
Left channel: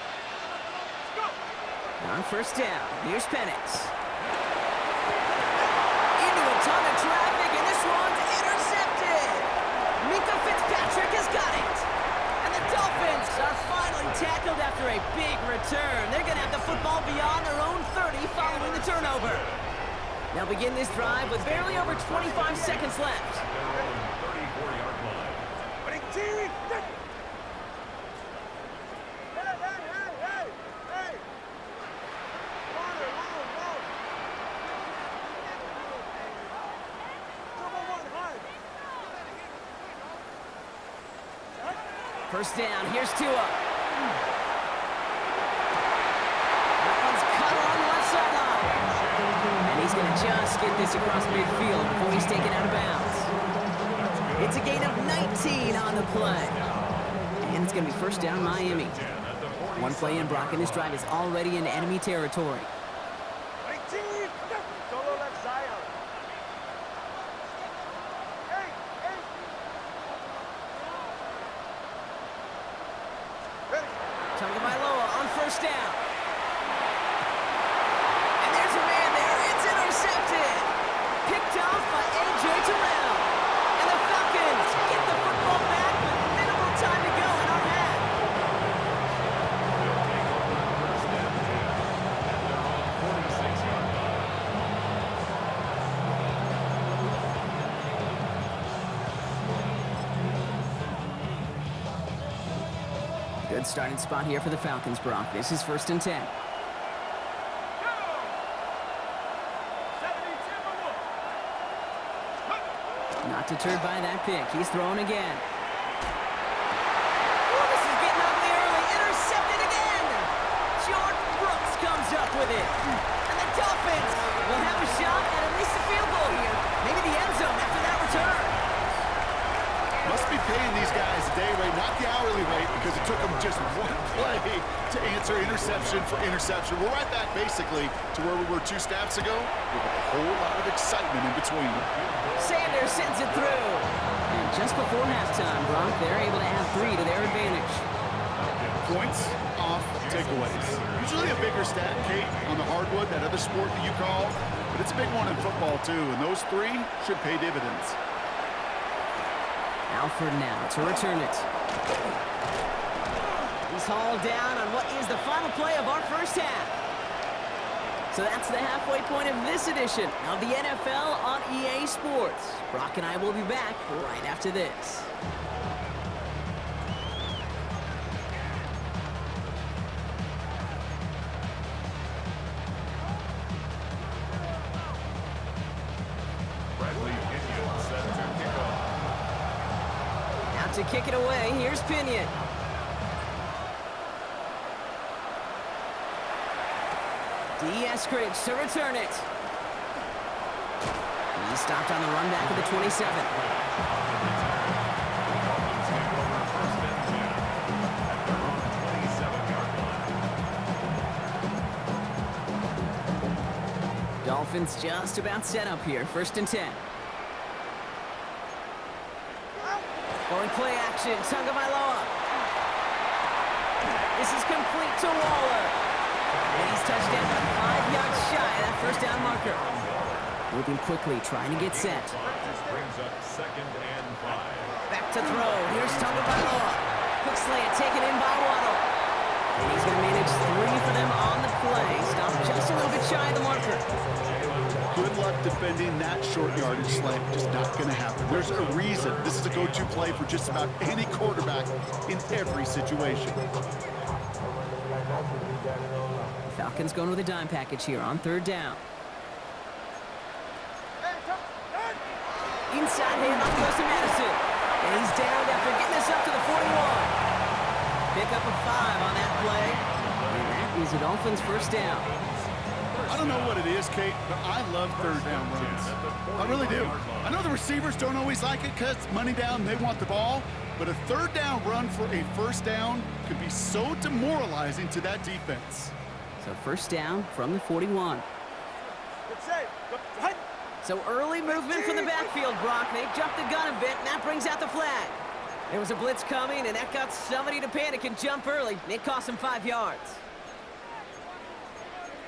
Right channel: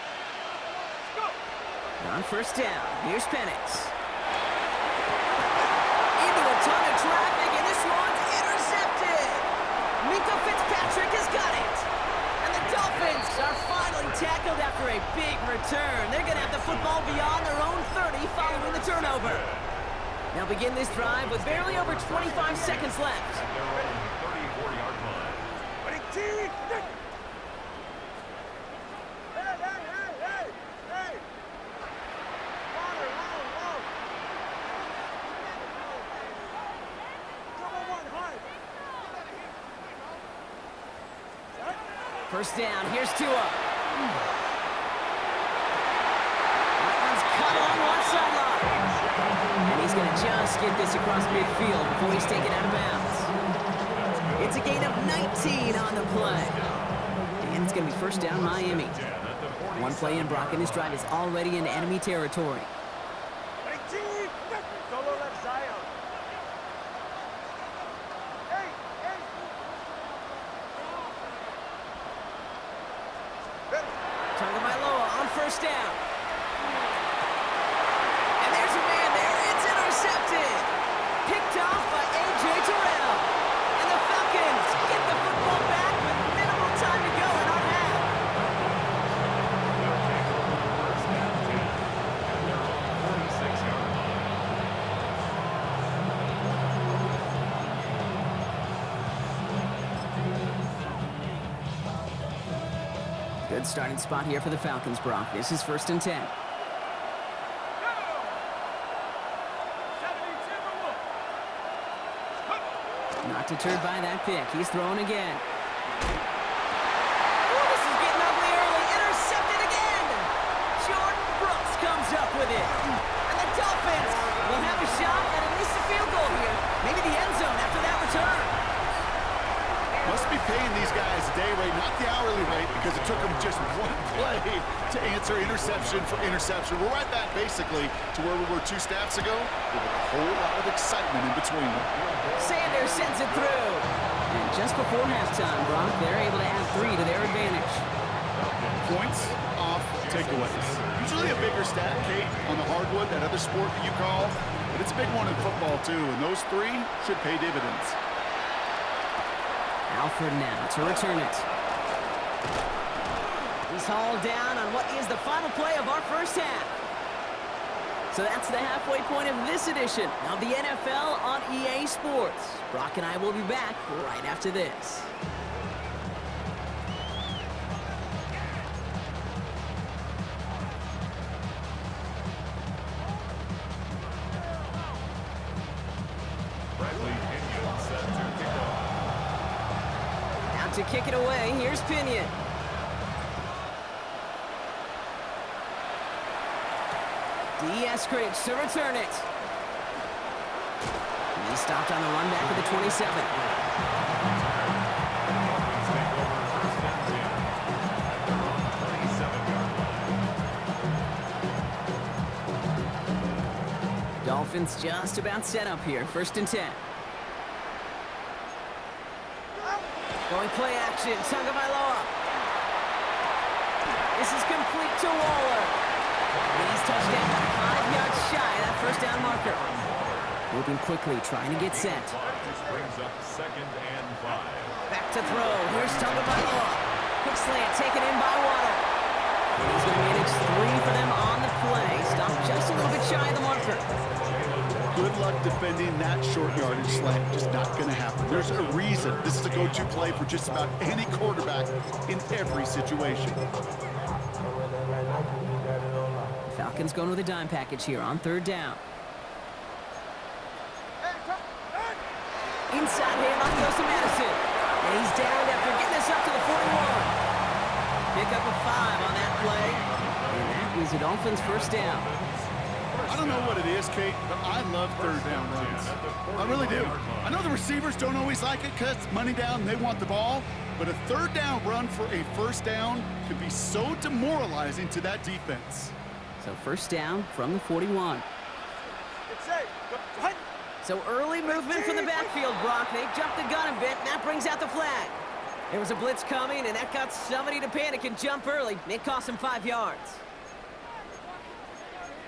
On first down, here's Penix. Into a ton of traffic, and this one's intercepted. Minka Fitzpatrick has got it. And the Dolphins are finally tackled after a big return. They're going to have the football beyond their own 30 following the turnover. They'll begin this drive with barely over 25 seconds left. At their own 34-yard line. Hey! Water, long. Double one, hard. First down, here's Tua. That one's cut along the left sideline. And he's going to just get this across midfield before he's taken out of bounds. It's a gain of 19 on the play. And it's going to be first down Miami. One play in, Brock, and this drive is already in enemy territory. Solo left Zion. Hey! Tagovailoa on first down. And there's a man there. It's intercepted. Picked off by A.J. Terrell. And the Falcons get the football back with minimal time to go in our half. They'll take over first down 10 at their own 46-yard line. Good starting spot here for the Falcons, Brock. This is first and 10. Not deterred by that pick. He's throwing again. Oh, this is getting ugly early. Intercepted again. Jordan Brooks comes up with it. And the Dolphins will have a shot at least a field goal here. Maybe the end zone after that return. Must be paying these guys a day rate, not the hourly rate, because it took them just one play to answer interception for interception. We're right back, basically, to where we were 2 snaps ago, with a whole lot of excitement in between. Sanders sends it through. And just before halftime, Brock, they're able to add 3 to their advantage. Points off takeaways. Usually a bigger stat, Kate, on the hardwood, that other sport that you call, but it's a big one in football, too, and those 3 should pay dividends. Alford now to return it. He's hauled down on what is the final play of our first half. So that's the halfway point of this edition of the NFL on EA Sports. Brock and I will be back right after this. To kick it away, here's Pinion. Eskridge to return it. He stopped on the run back of the 27. Dolphins take over first and 10 at their own 27-yard line. Dolphins just about set up here, first and 10. Going play action, Tagovailoa. This is complete to Waller. And he's touched down about 5 yards shy of that first down marker. Moving quickly, trying to get set. This brings up second and 5. Back to throw. Here's Tagovailoa. Quick slant taken in by Waddle. And he's going to manage 3 for them on the play. Stopped just a little bit shy of the marker. Good luck defending that short yardage slant. Just not going to happen. There's a reason this is a go-to play for just about any quarterback in every situation. Falcons going with a dime package here on third down. Inside handoff goes to Madison. And he's downed after getting this up to the 41. Pick up a 5 on that play. And that is a Dolphins first down. I don't know what it is, Kate, but I love third down runs. I really do. I know the receivers don't always like it because it's money down and they want the ball, but a third down run for a first down could be so demoralizing to that defense. So first down from the 41. It's safe. So early movement from the backfield, Brock. They jumped the gun a bit, and that brings out the flag. There was a blitz coming, and that got somebody to panic and jump early. It cost him 5 yards.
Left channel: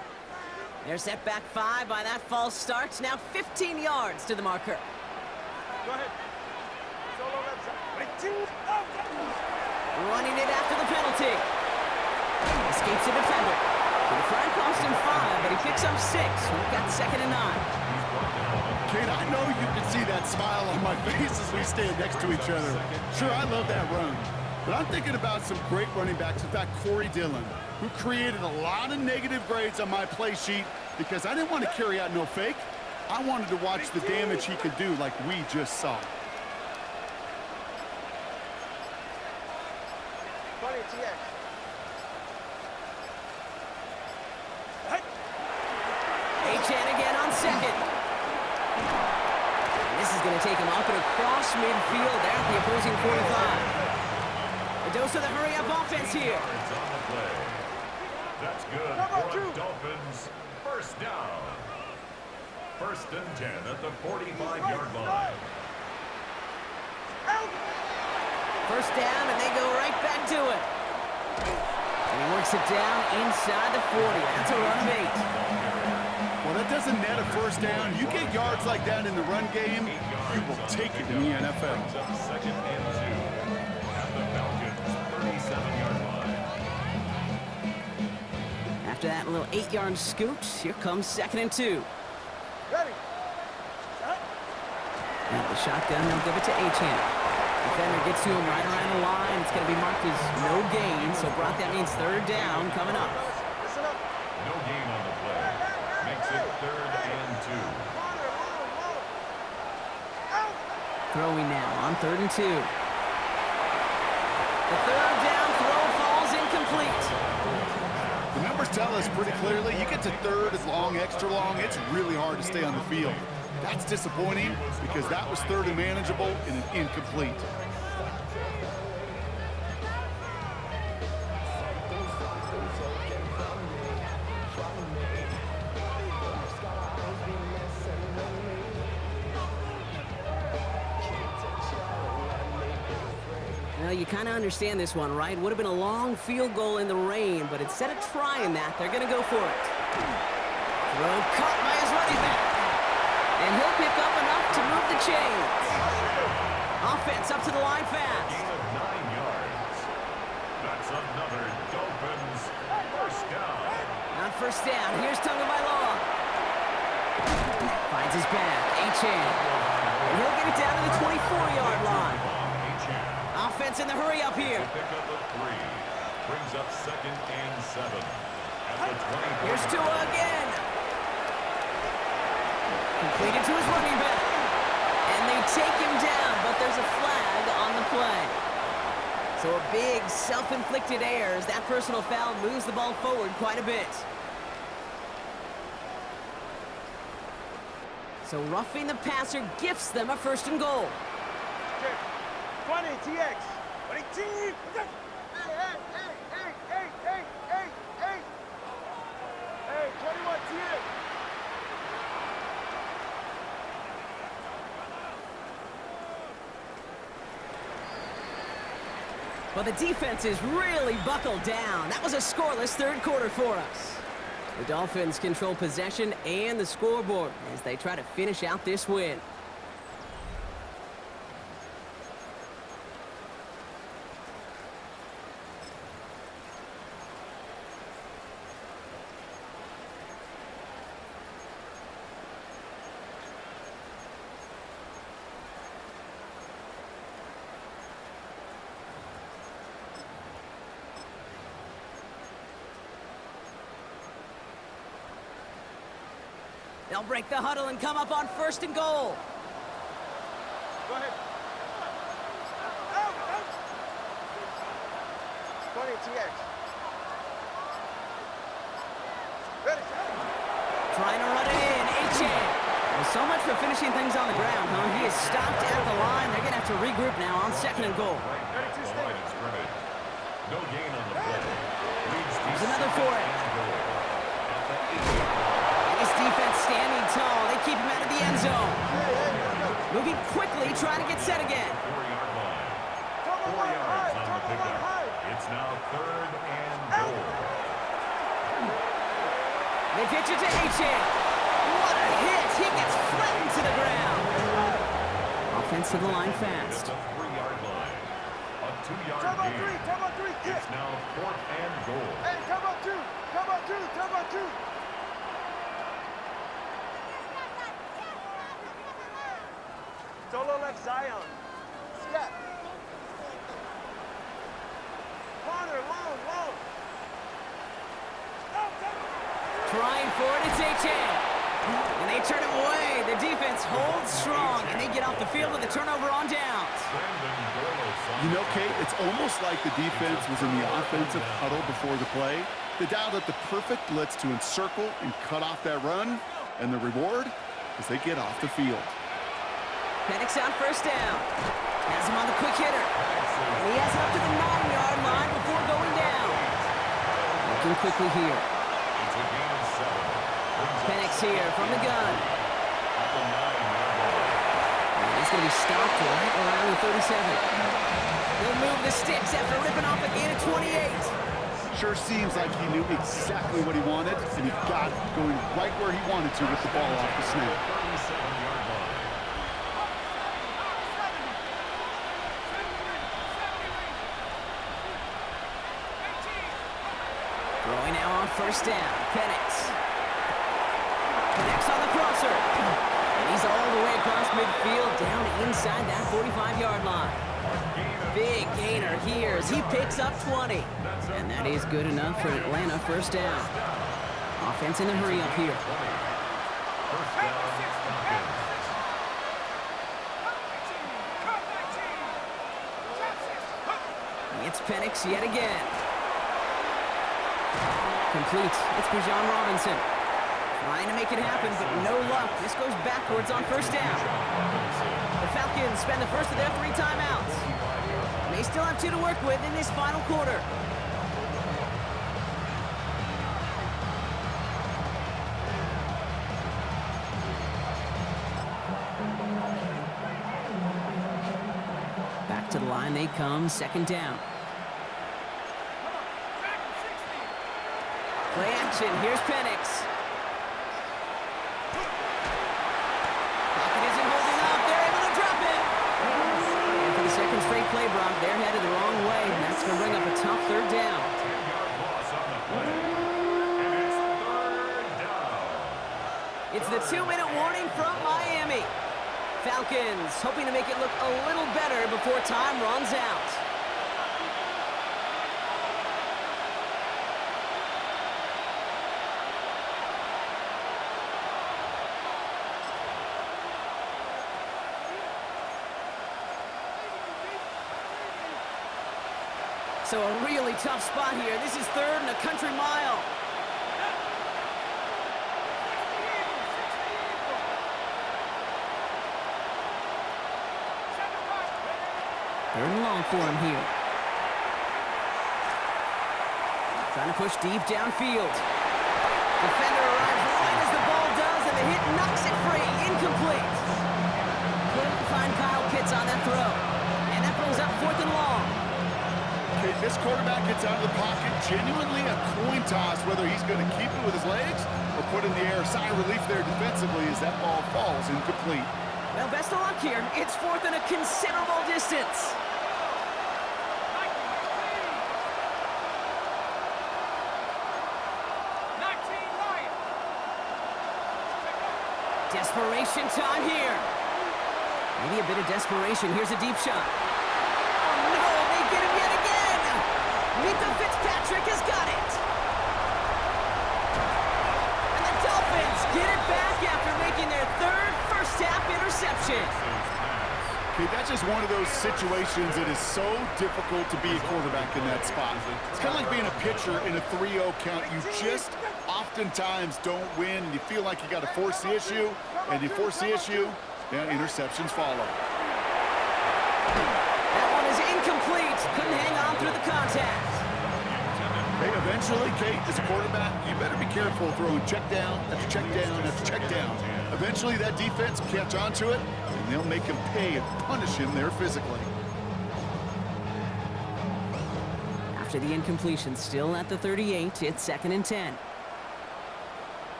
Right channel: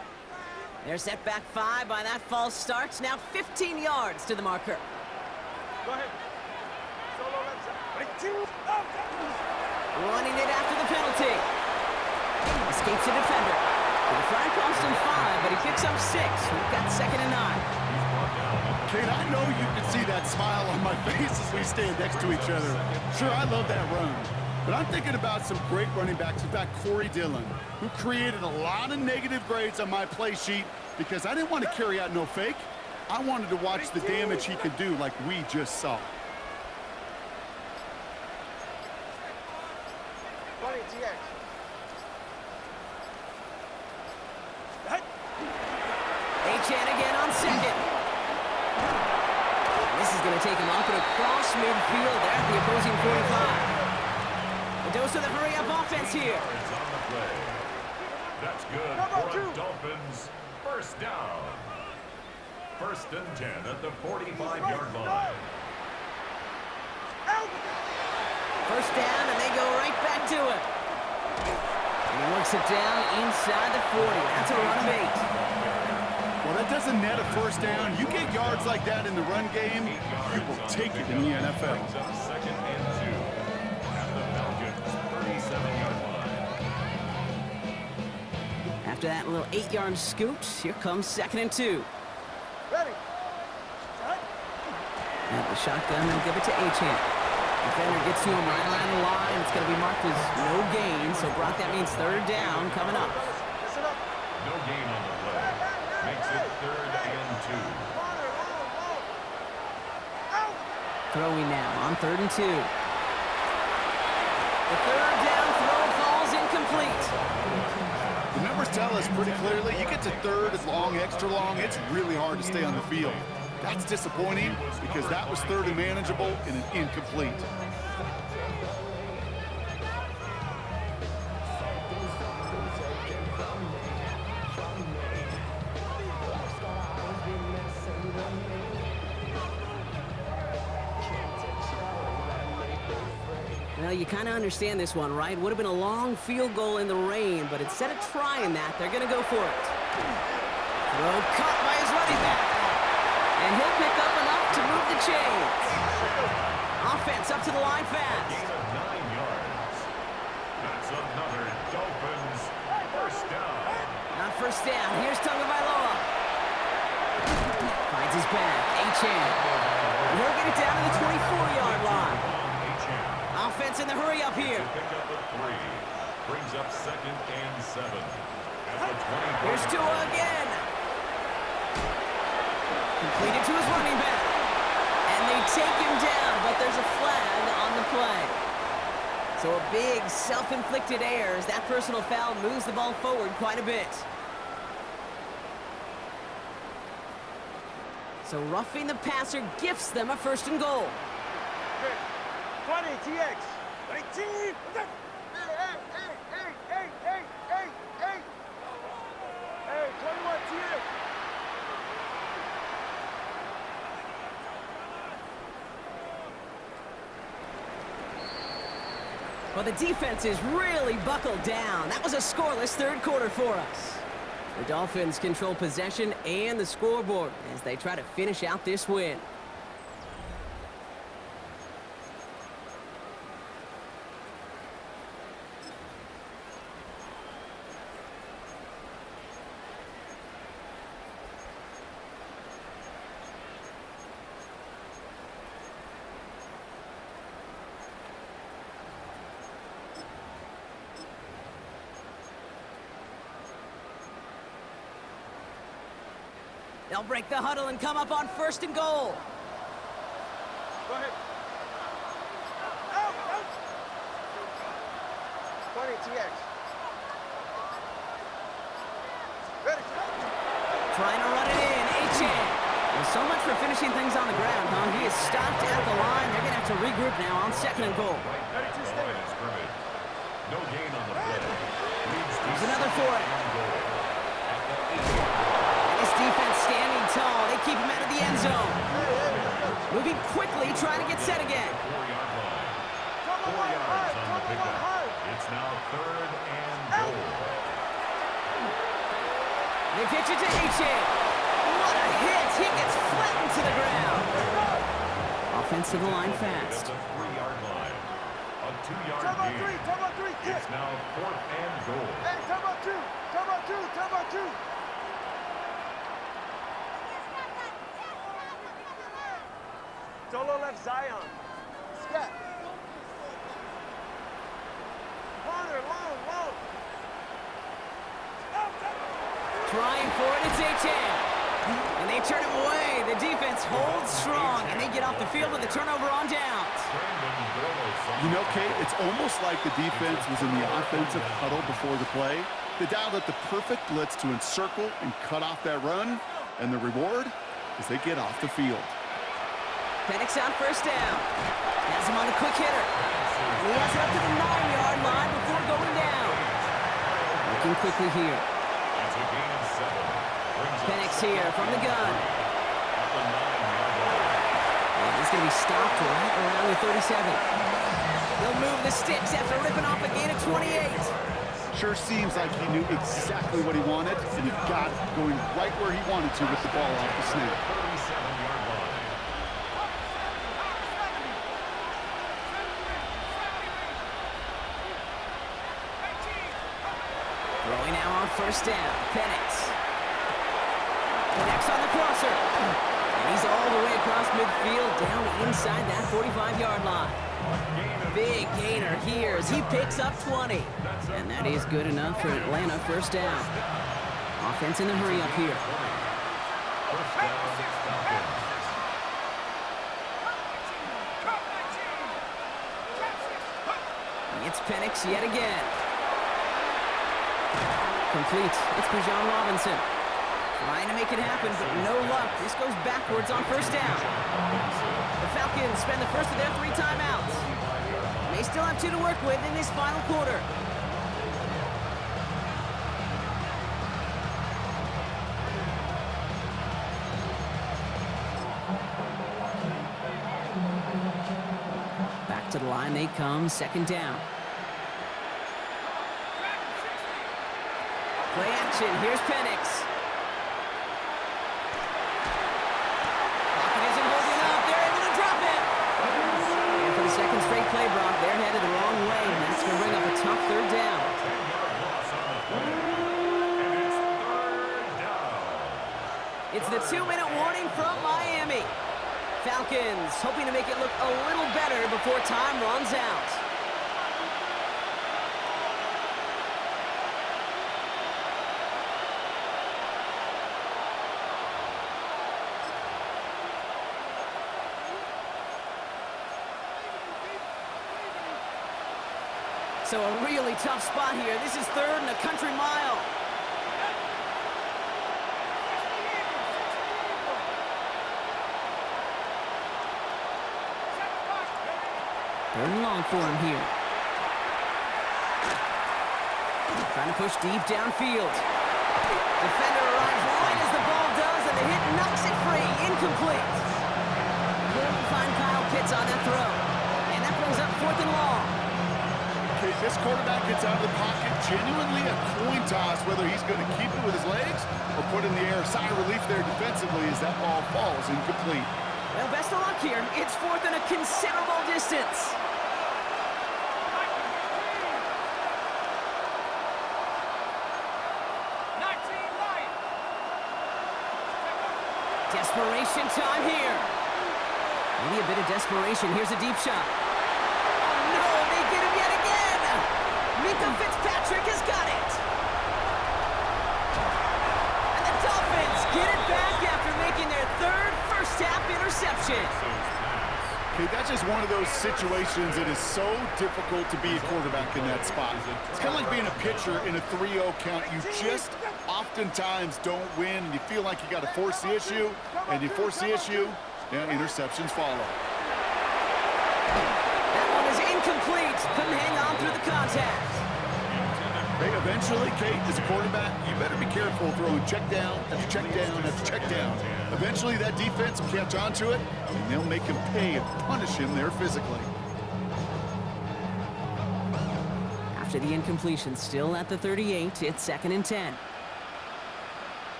They're set back 5 by that false start. Now 15 yards to the marker. Go ahead. Solo left side. Running it after the penalty. Escapes the defender. So the flag cost him 5, but he picks up 6. We've got 2nd and 9. Kate, I know you can see that smile on my face as we stand next to each other. Sure, I love that run. But I'm thinking about some great running backs. In fact, Corey Dillon, who created a lot of negative grades on my play sheet because I didn't want to carry out no fake. I wanted to watch the damage he could do like we just saw. 20 TX. H.N. again on 2nd. And this is going to take him up and across midfield there at the opposing 45. A dose of the hurry-up offense here. Yards on the play. That's good for a Dolphins first down. 1st and 10 at the 45-yard line. First down, and they go right back to it. And he works it down inside the 40. That's a run of 8. Well, that doesn't net a first down. You get yards like that in the run game, you will take it in the NFL. Brings up 2nd and 2 at the Falcons' 37-yard line. After that little 8-yard scoot, here comes 2nd and 2. Ready. Set. And the shotgun, they'll give it to H.N. Defender gets to him right around the line. It's going to be marked as no gain. So, Brock, that means 3rd down coming up. Listen up. No gain on the play. Makes it 3rd and 2. Throwing now on 3rd and 2. The 3rd down throw falls incomplete. The numbers tell us pretty clearly, you get to 3rd and long, extra long, it's really hard to stay on the field. That's disappointing because that was 3rd and manageable and an incomplete. Well, you kind of understand this one, right? Would have been a long field goal in the rain, but instead of trying that, they're going to go for it. Throw caught by his running back. And he'll pick up enough to move the chains. Offense up to the line fast. Gain of 9 yards. That's another Dolphins first down. On first down, here's Tagovailoa. Finds his back, H.N. And he'll get it down to the 24-yard line. Offense in the hurry up here. Pick up a 3. Brings up 2nd and 7. At the 24. Here's Tua again. Completed to his running back. And they take him down, but there's a flag on the play. So a big self-inflicted error as that personal foul moves the ball forward quite a bit. So roughing the passer gifts them a 1st and goal. 20 TX. 20 T. Hey, 21 TX. Well, the defense is really buckled down. That was a scoreless 3rd quarter for us. The Dolphins control possession and the scoreboard as they try to finish out this win. They'll break the huddle and come up on 1st and goal. Go ahead. Out. 20 TX. Ready, set. Trying to run it in, H.N. Well, so much for finishing things on the ground, huh? He is stopped at the line. They're going to have to regroup now on 2nd and goal. Right back to the line of scrimmage. No gain on the play. There's another for it. And his defense standing tall. They keep him out of the end zone. Moving quickly, trying to get set again. 4-yard line. 4 yards on the pickup. It's now 3rd and goal. They pitch it to H2H. What a hit! He gets flattened to the ground. Offense to the line fast. At the 3-yard line. A 2-yard Time on gain. three, time on three, kick. It's now 4th and goal. Hey, time on two, time on two, time on two. Solo left Zion. Scat. Corner, long. Trying for it, it's H2H. And they turn him away. The defense holds strong, and they get off the field with a turnover on downs. You know, Kate, it's almost like the defense was in the offensive huddle before the play. They dialed up the perfect blitz to encircle and cut off that run, and the reward is they get off the field. Penix on first down. Has him on the quick hitter. And he has it up to the 9-yard line before going down. Working quickly here. It's a gain of 7. Penix here from the gun. At the 9-yard line. And he's going to be stopped right around the 37. He'll move the sticks after ripping off a gain of 28. Sure seems like he knew exactly what he wanted, and he got it going right where he wanted to with the ball off the snap. 37-yard line. Throwing now on first down. Penix. Connects on the crosser. And he's all the way across midfield, down inside that 45-yard line. Big gainer here as he picks up 20. And that is good enough for Atlanta first down. Offense in the hurry up here. First down, Falcons. It's Penix yet again. Complete. It's Bijan Robinson. Trying to make it happen, but no luck. This goes backwards on first down. The Falcons spend the first of their 3 timeouts. They still have 2 to work with in this final quarter. Back to the line they come, second down. Play action, here's Penix. Pocket isn't holding up, they're able to drop it. And for the second straight play, Brock, they're headed the wrong way, and that's going to bring up a tough third down. 10-yard loss on the play. And it's 3rd down. It's the 2-minute warning from Miami. Falcons hoping to make it look a little better before time runs out. So a really tough spot here. This is 3rd and a country mile. Third and long for him here. Trying to push deep downfield. Defender arrives right as the ball does, and the hit knocks it free. Incomplete. Couldn't find Kyle Pitts on that throw. And that brings up 4th and long. Okay, this quarterback gets out of the pocket, genuinely a coin toss whether he's going to keep it with his legs or put in the air. Sigh of relief there defensively as that ball falls incomplete. Well, best of luck here. It's 4th and a considerable distance. Desperation time here. Maybe a bit of desperation. Here's a deep shot. Oh, no, they get him yet again. Minka Fitzpatrick has got it. And the Dolphins get it back after making their 3rd first-half interception. Okay, that's just one of those situations that is so difficult to be a quarterback in that spot. It's kind of like being a pitcher in a 3-0 count. You just oftentimes don't win, and you feel like you got to force the issue, and you force the issue, yeah, interceptions follow. That one is incomplete. Couldn't hang on through the contact. Hey, eventually, Kate, as a quarterback, you better be careful throwing check down after check down after check down. Eventually, that defense will catch on to it, and they'll make him pay and punish him there physically. After the incompletion, still at the 38, it's 2nd and 10.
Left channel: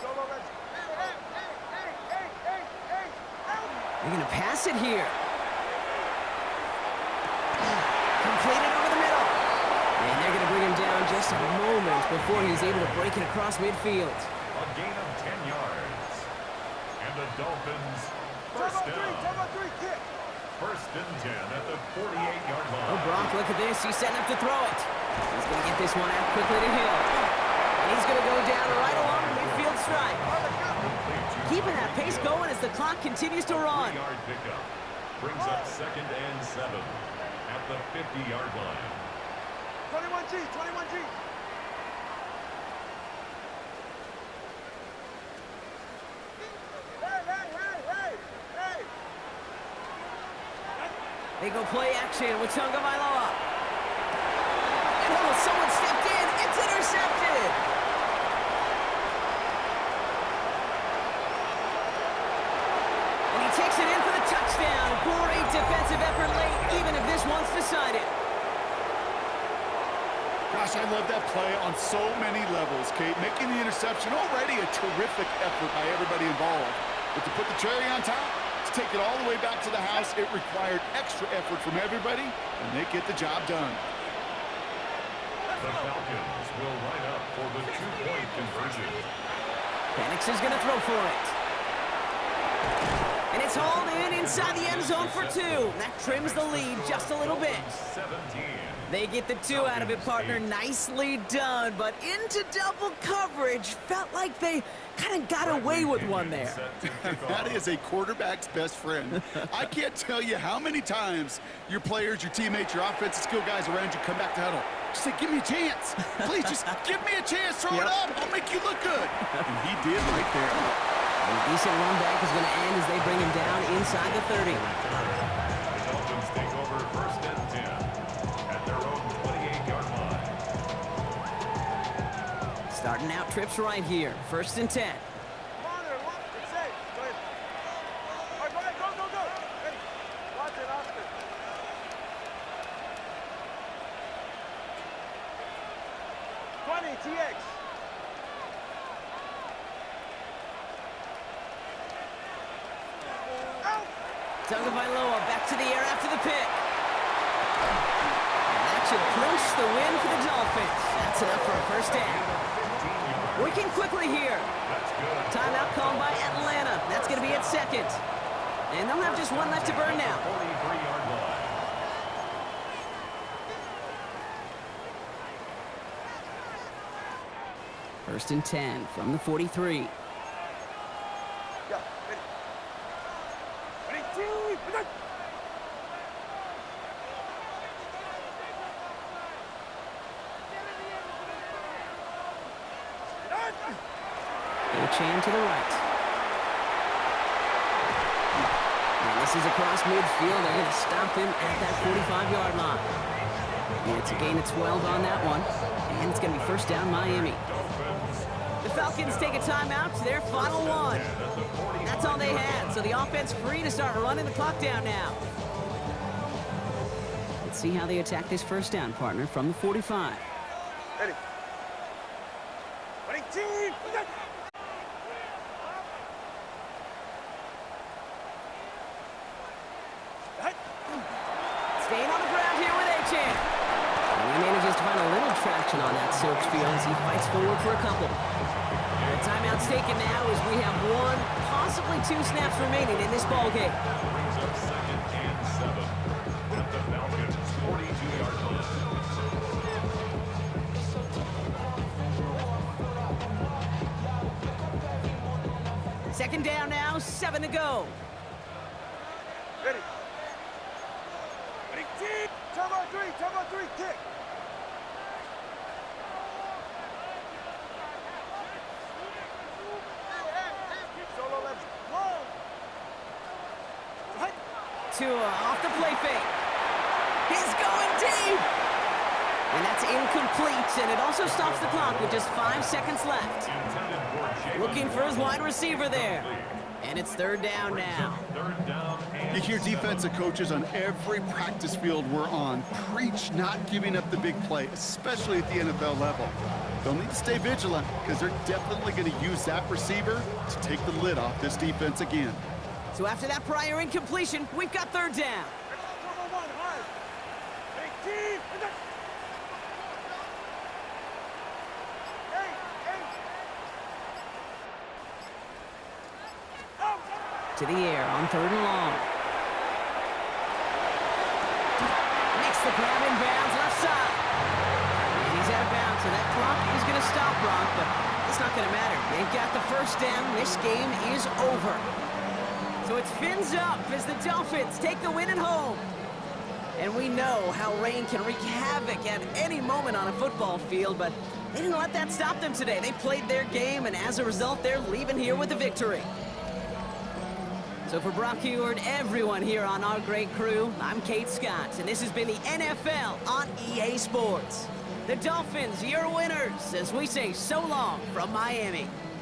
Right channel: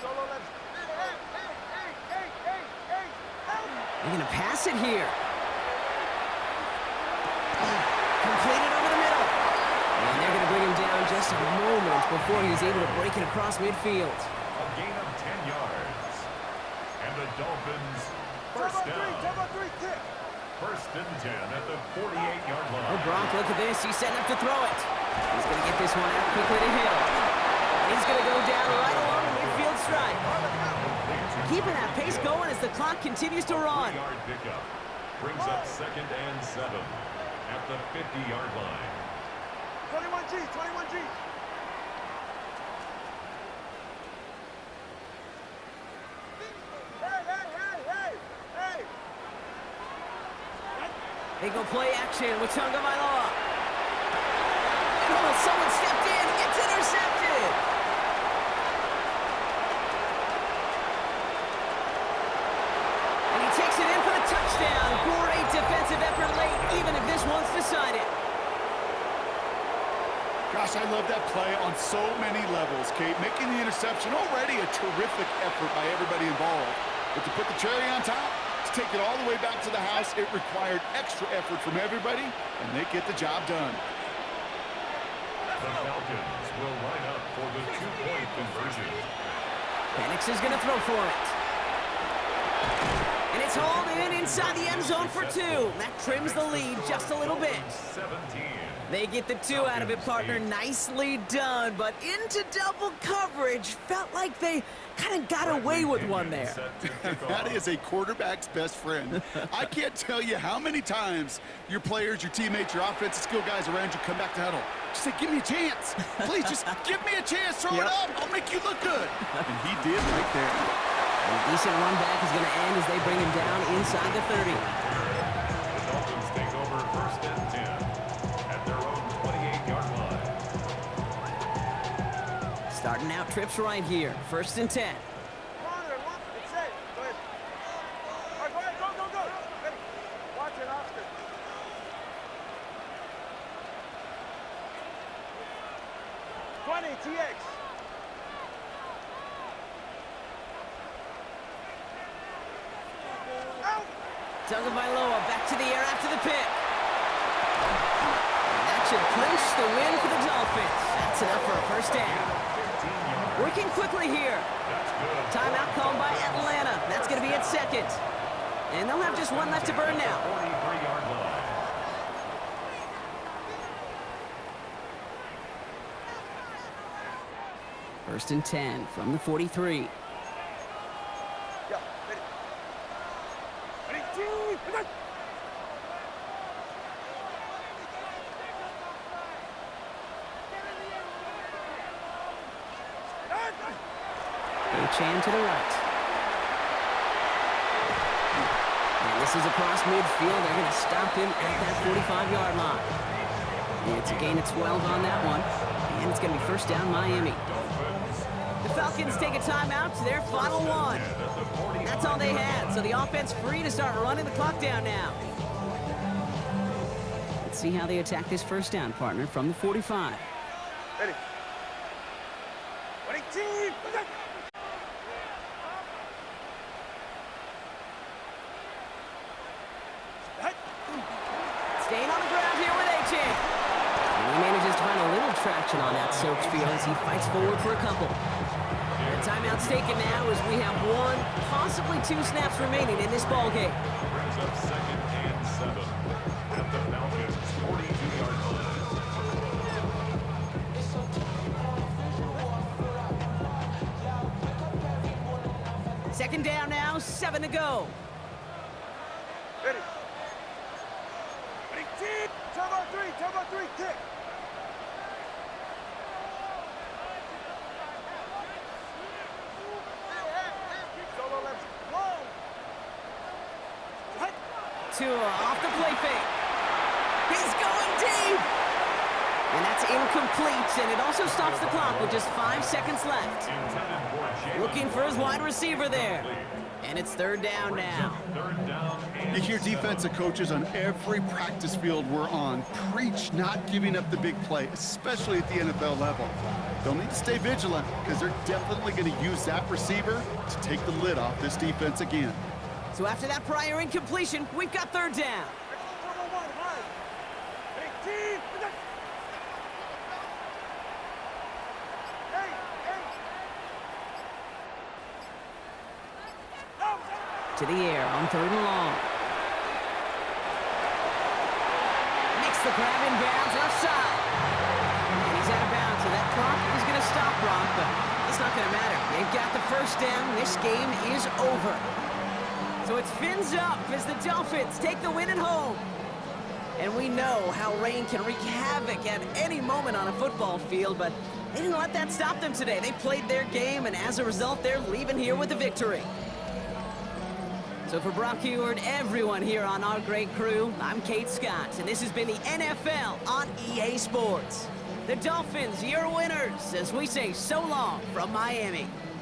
Solo left. Hey. They're going to pass it here. Completed over the middle. And they're going to bring him down just a moment before he's able to break it across midfield. A gain of 10 yards. And the Dolphins first down. Turbo three, kick. First and 10 at the 48-yard line. Oh, Brock, look at this. He's setting up to throw it. He's going to get this one out quickly to Hill. And he's going to go down right along the midfield stripe. Keeping that pace going as the clock continues to run. 3-yard pickup brings up 2nd and 7 at the 50-yard line. 21G. Hey. They go play action with Tagovailoa. And someone stepped in. It's intercepted. And he takes it in for the touchdown. Great defensive effort late, even if this one's decided. Gosh, I love that play on so many levels, Kate. Making the interception, already a terrific effort by everybody involved. But to put the cherry on top, to take it all the way back to the house, it required extra effort from everybody, and they get the job done. The Falcons will line up for the 2-point conversion. Penix is going to throw for it. And it's hauled in inside the end zone for 2. That trims the lead just a little bit. 17. They get the 2 out of it, partner. Nicely done, but into double coverage. Felt like they kind of got away with one there. That is a quarterback's best friend. I can't tell you how many times your players, your teammates, your offensive skill guys around you come back to huddle. Just say, give me a chance. Please, just give me a chance. Throw it up. I'll make you look good. And he did right there. A decent run back is going to end as they bring him down inside the 30. The Dolphins take over 1st and 10 at their own 28-yard line. Starting out trips right here. 1st and 10. Corner, it's safe. Go ahead. All right, go ahead. Go. Ready. Watson, Oscar. TX. Out. Tagovailoa back to the air after the pick. And that should clinch the win for the Dolphins. That's enough for a 1st down. Working quickly here. Timeout called by Atlanta. That's going to be at 2nd. And they'll have just 1 left to burn now. 43-yard line. First and 10 from the 43. Yeah, ready. Ready, team. Achane to the right. And this is across midfield. They're going to stop him at that 45-yard line. And it's a gain of 12 on that one. And it's going to be 1st down Miami. The Falcons take a timeout to their final one. That's all they had, so the offense free to start running the clock down now. Let's see how they attack this 1st down, partner, from the 45. Ready. Ready, team. Staying on the ground here with Achane. And he manages to find a little traction on that Soaps field as he fights forward for a couple. The timeout's taken now as we have 1, possibly 2 snaps remaining in this ball game. Brings up 2nd and 7 at the Falcons' 42-yard line. 2nd down now, 7 to go. Ready. Ready, team. Turbo three, kick. Solo left, long. 2 off the play fake. He's going deep. And that's incomplete, and it also stops the clock with just 5 seconds left. Looking for his wide receiver there. And it's third down now. You hear defensive coaches on every practice field we're on preach not giving up the big play, especially at the NFL level. They'll need to stay vigilant because they're definitely going to use that receiver to take the lid off this defense again. So after that prior incompletion, we've got third down. To the air on third and long. Makes the grab in bounds left side. And he's out of bounds, so that clock is going to stop, Brock, but it's not going to matter. They've got the first down. This game is over. So it's fins up as the Dolphins take the win at home. And we know how rain can wreak havoc at any moment on a football field, but they didn't let that stop them today. They played their game, and as a result, they're leaving here with a victory. So for Brock Heward, everyone here on our great crew, I'm Kate Scott, and this has been the NFL on EA Sports. The Dolphins, your winners, as we say so long from Miami.